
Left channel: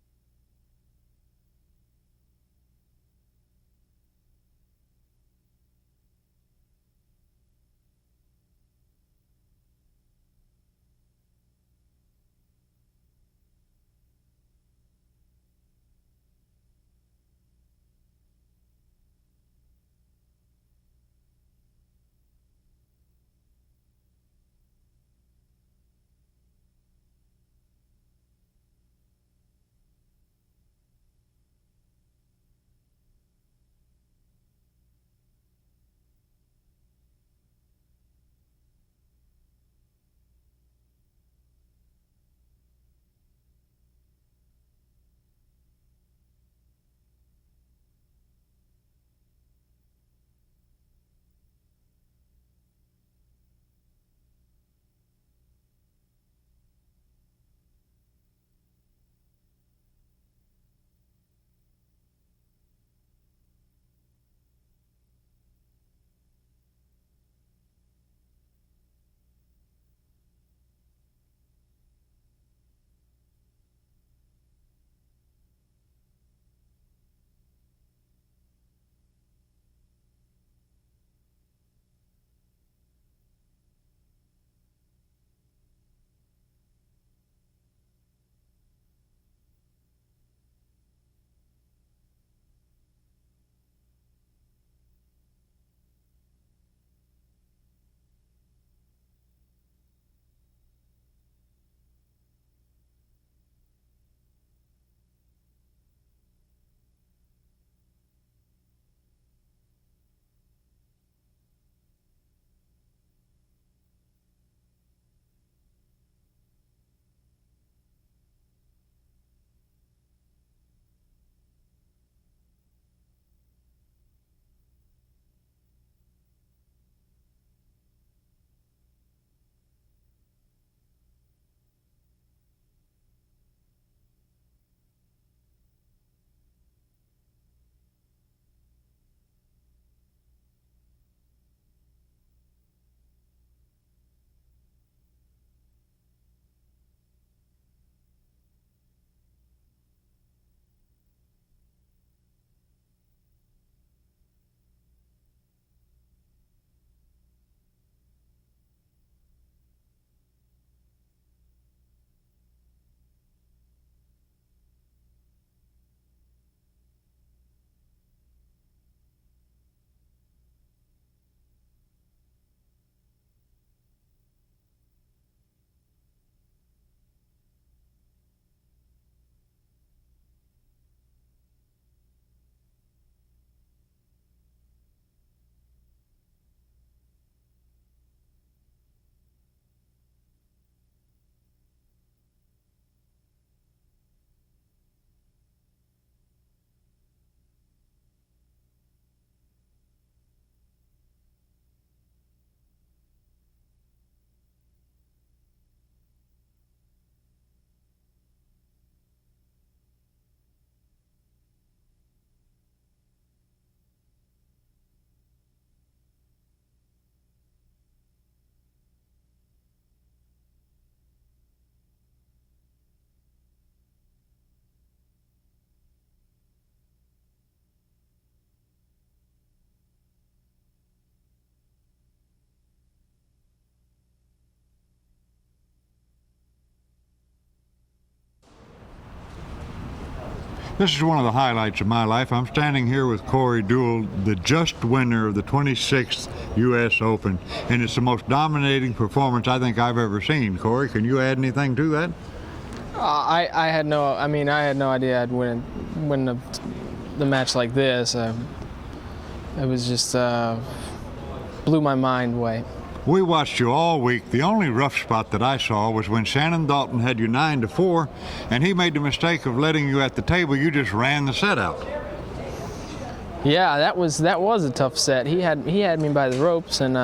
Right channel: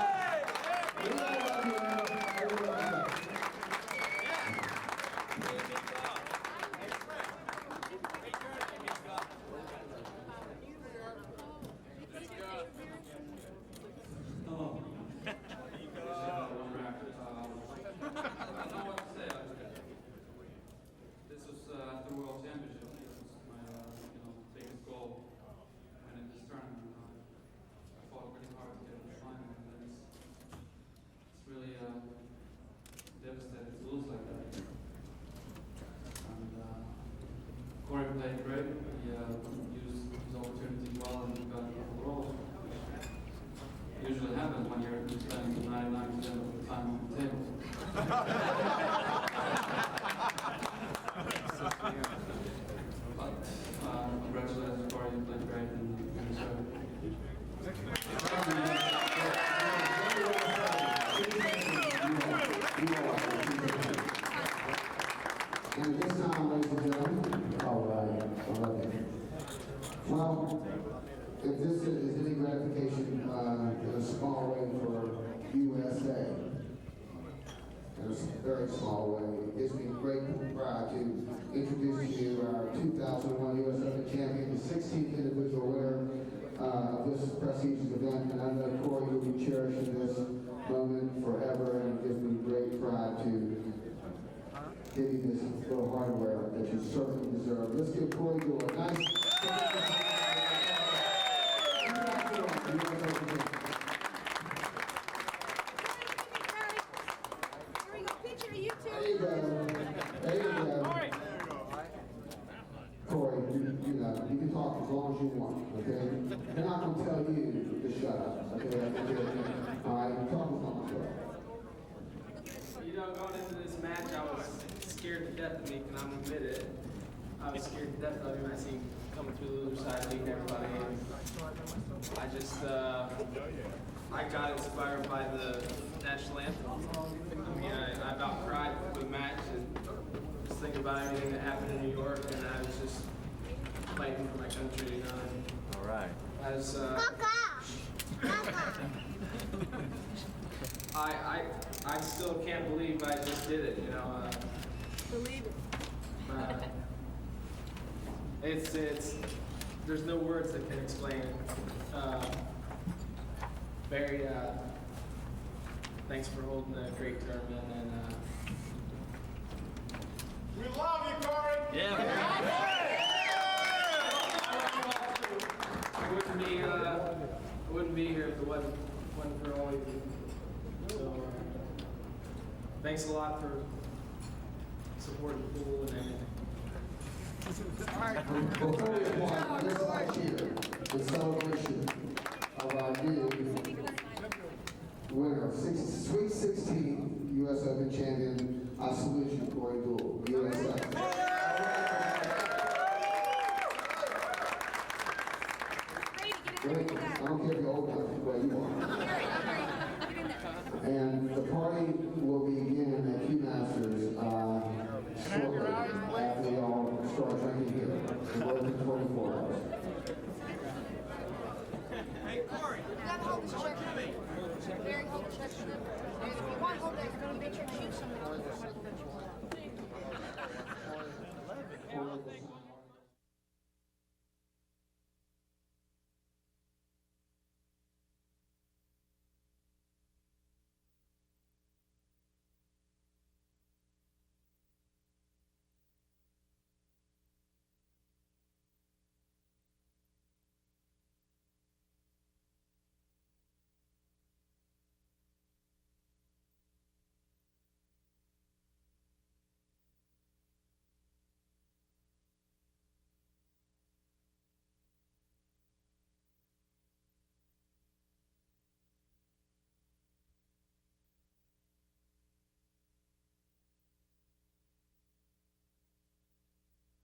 prestigious event, and I know Corey will be cherishing this moment forever, and it gives me great pride to give you this little hardware that you certainly deserve. Let's give Corey Deuel a nice. Corey, you know, you can talk as long as you want, okay? They're not going to tell you to shut up, okay? All right, talk as long as you want. You know, going into this match, I was scared to death of Mika, and I'm admit it. I was scared to death of him. I seen him coming through the other side, beating everybody. And I just, I got inspired by the national anthem. I mean, I about cried with the match and just thinking about everything that happened in New York, and I was just fighting for my country, you know. And All right. as I still can't believe I just did it, you know. Believe it. It's there's no words that can explain it. Very thanks for holding a great tournament, and We love you, Corey. yeah. I wouldn't be here if it wasn't for all of you. So thanks a lot for supporting the pool and everything. Before we applaud, let's all cheer in celebration of our new winner of Sweet 16 U.S. Open champion. I salute you, Corey Deuel, U.S. Open. Great. I don't care if you're old enough, where you are. And the party will begin at Q-Masters shortly after y'all start drinking here. We're open 24 hours. Hey, Corey. This is one of the highlights of my life. I'm standing here with Corey Deuel, the just winner of the 26th U.S. Open, and it's the most dominating performance I think I've ever seen. Corey, can you add anything to that? I had no idea I'd win the match like this. It was just blew my mind away. We watched you all week. The only rough spot that I saw was when Shannon Dalton had you 9-4, and he made the mistake of letting you at the table. You just ran the set out. Yeah, that was a tough set. He had me by the ropes, and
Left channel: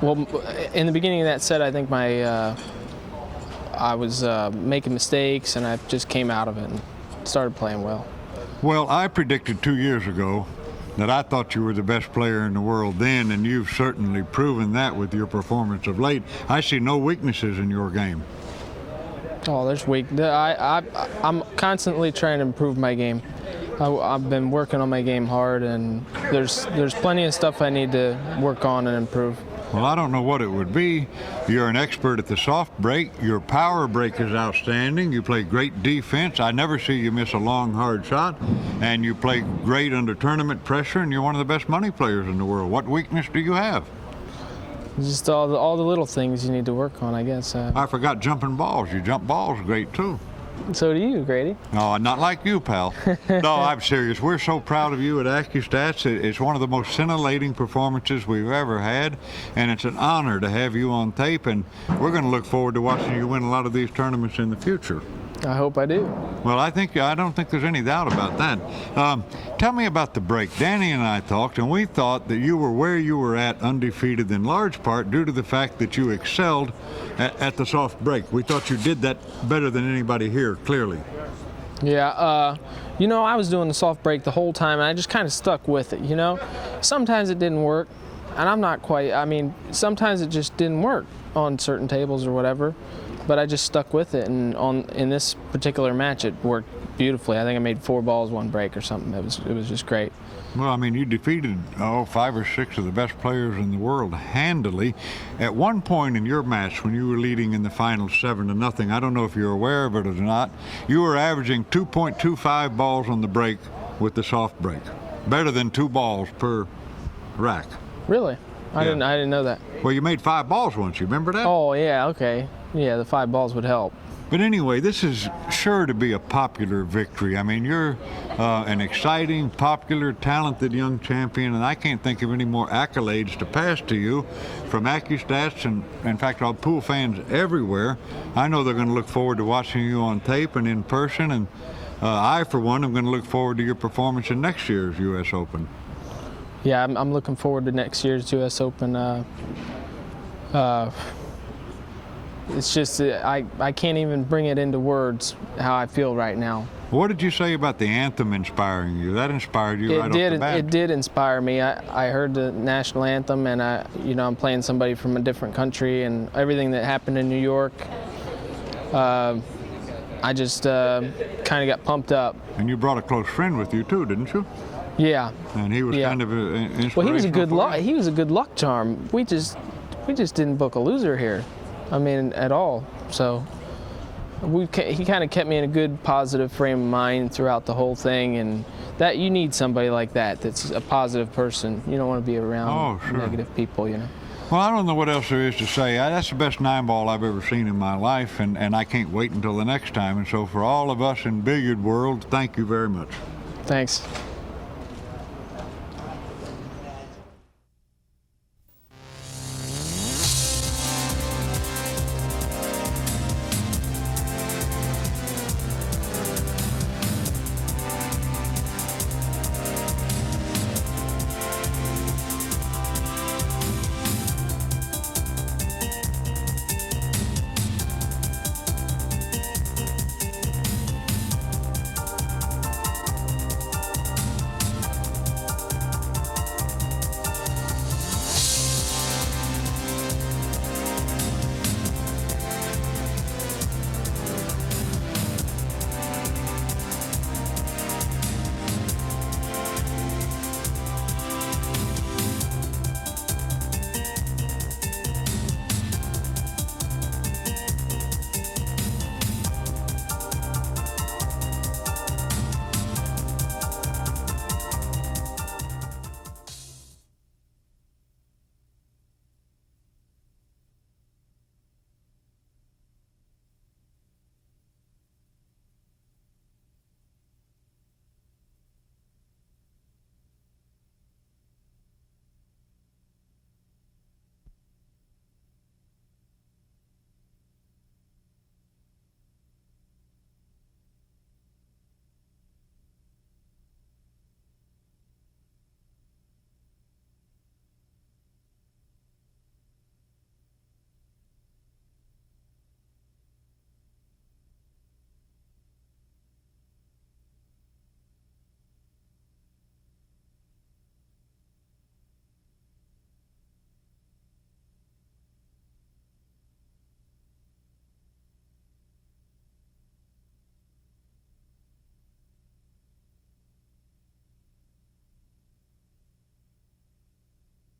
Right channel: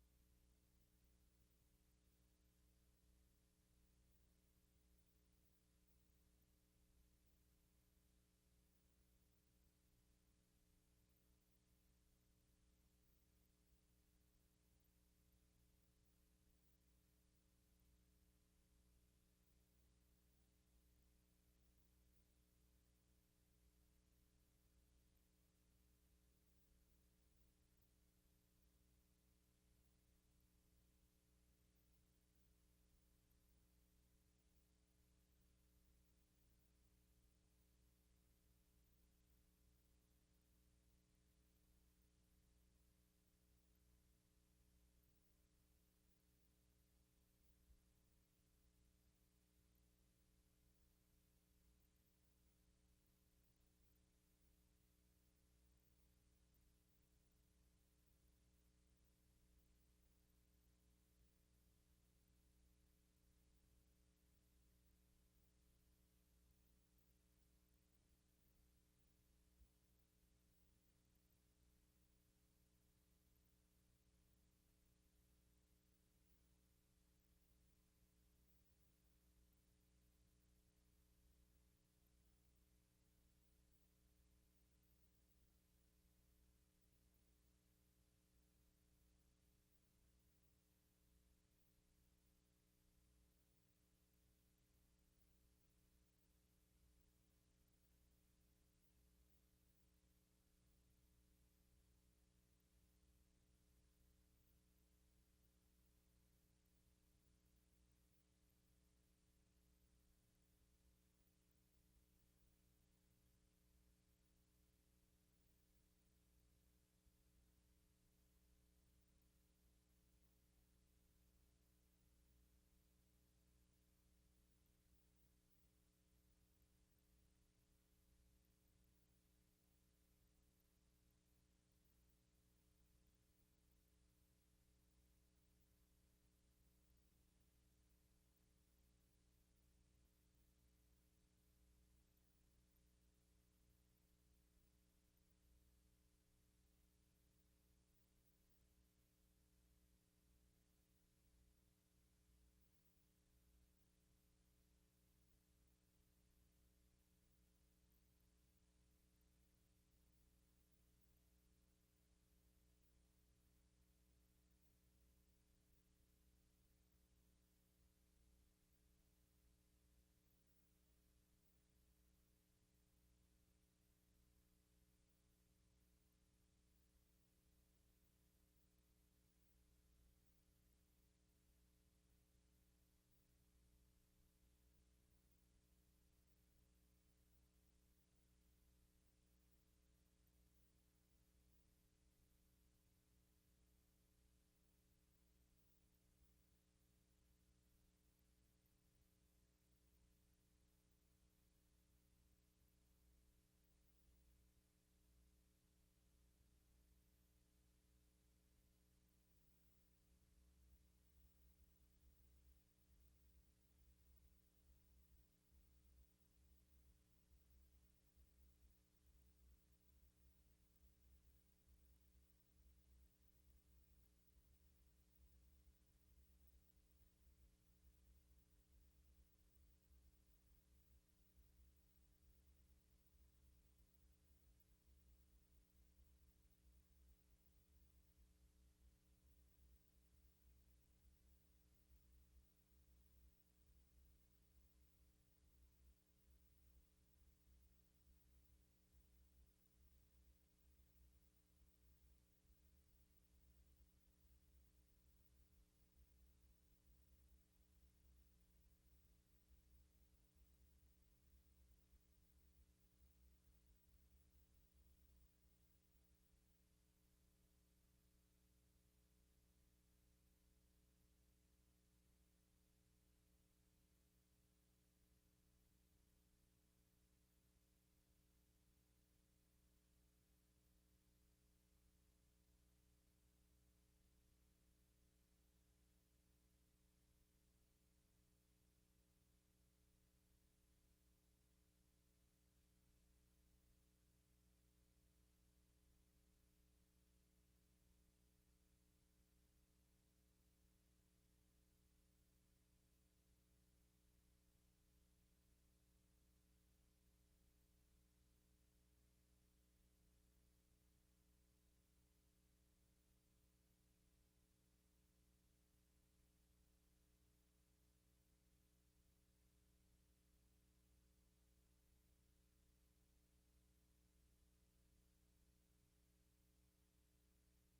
well, in the beginning of that set, I think I was making mistakes, and I just came out of it and started playing well. Well, I predicted 2 years ago that I thought you were the best player in the world then, and you've certainly proven that with your performance of late. I see no weaknesses in your game. Oh, there's weak. I'm constantly trying to improve my game. I've been working on my game hard, and there's plenty of stuff I need to work on and improve. Well, I don't know what it would be. You're an expert at the soft break. Your power break is outstanding. You play great defense. I never see you miss a long, hard shot. And you play great under tournament pressure, and you're one of the best money players in the world. What weakness do you have? Just all the little things you need to work on, I guess. I forgot jumping balls. You jump balls great, too. So do you, Grady. No, not like you, pal. No, I'm serious. We're so proud of you at Accu-Stats. It's one of the most scintillating performances we've ever had, and it's an honor to have you on tape, and we're going to look forward to watching you win a lot of these tournaments in the future. I hope I do. Well, I don't think there's any doubt about that. Tell me about the break. Danny and I talked, and we thought that you were where you were at undefeated in large part due to the fact that you excelled at the soft break. We thought you did that better than anybody here, clearly. Yeah, you know, I was doing the soft break the whole time, and I just kind of stuck with it, you know. Sometimes it didn't work, and I'm not quite, I mean, sometimes it just didn't work. on certain tables or whatever, but I just stuck with it. And in this particular match, it worked beautifully. I think I made 4 balls, 1 break or something. It was just great. Well, I mean, you defeated 5 or 6 of the best players in the world handily. At one point in your match, when you were leading in the final 7-0, I don't know if you're aware of it or not, you were averaging 2.25 balls on the break with the soft break. Better than 2 balls per rack. Really? I Yeah. didn't know that. Well, you made 5 balls once. You remember that? Oh yeah, okay. Yeah, the 5 balls would help. But anyway, this is sure to be a popular victory. I mean, you're an exciting, popular, talented young champion, and I can't think of any more accolades to pass to you from Accu-Stats, and in fact, all pool fans everywhere. I know they're going to look forward to watching you on tape and in person, and I, for one, am going to look forward to your performance in next year's U.S. Open. Yeah, I'm looking forward to next year's U.S. Open. It's just I can't even bring it into words how I feel right now. What did you say about the anthem inspiring you? That inspired you right off the bat. It did inspire me. I heard the national anthem, and I'm playing somebody from a different country, and everything that happened in New York. I just kind of got pumped up. And you brought a close friend with you too, didn't you? Yeah. And he was kind of an inspiration. Well, he was a good luck. He was a good luck charm. We just didn't book a loser here. I mean, at all. So he kind of kept me in a good, positive frame of mind throughout the whole thing, and that you need somebody like that. That's a positive person. You don't want to be around negative people, you know. Well, I don't know what else there is to say. That's the best 9-ball I've ever seen in my life, and I can't wait until the next time. And so for all of us in billiard world, thank you very much. Thanks.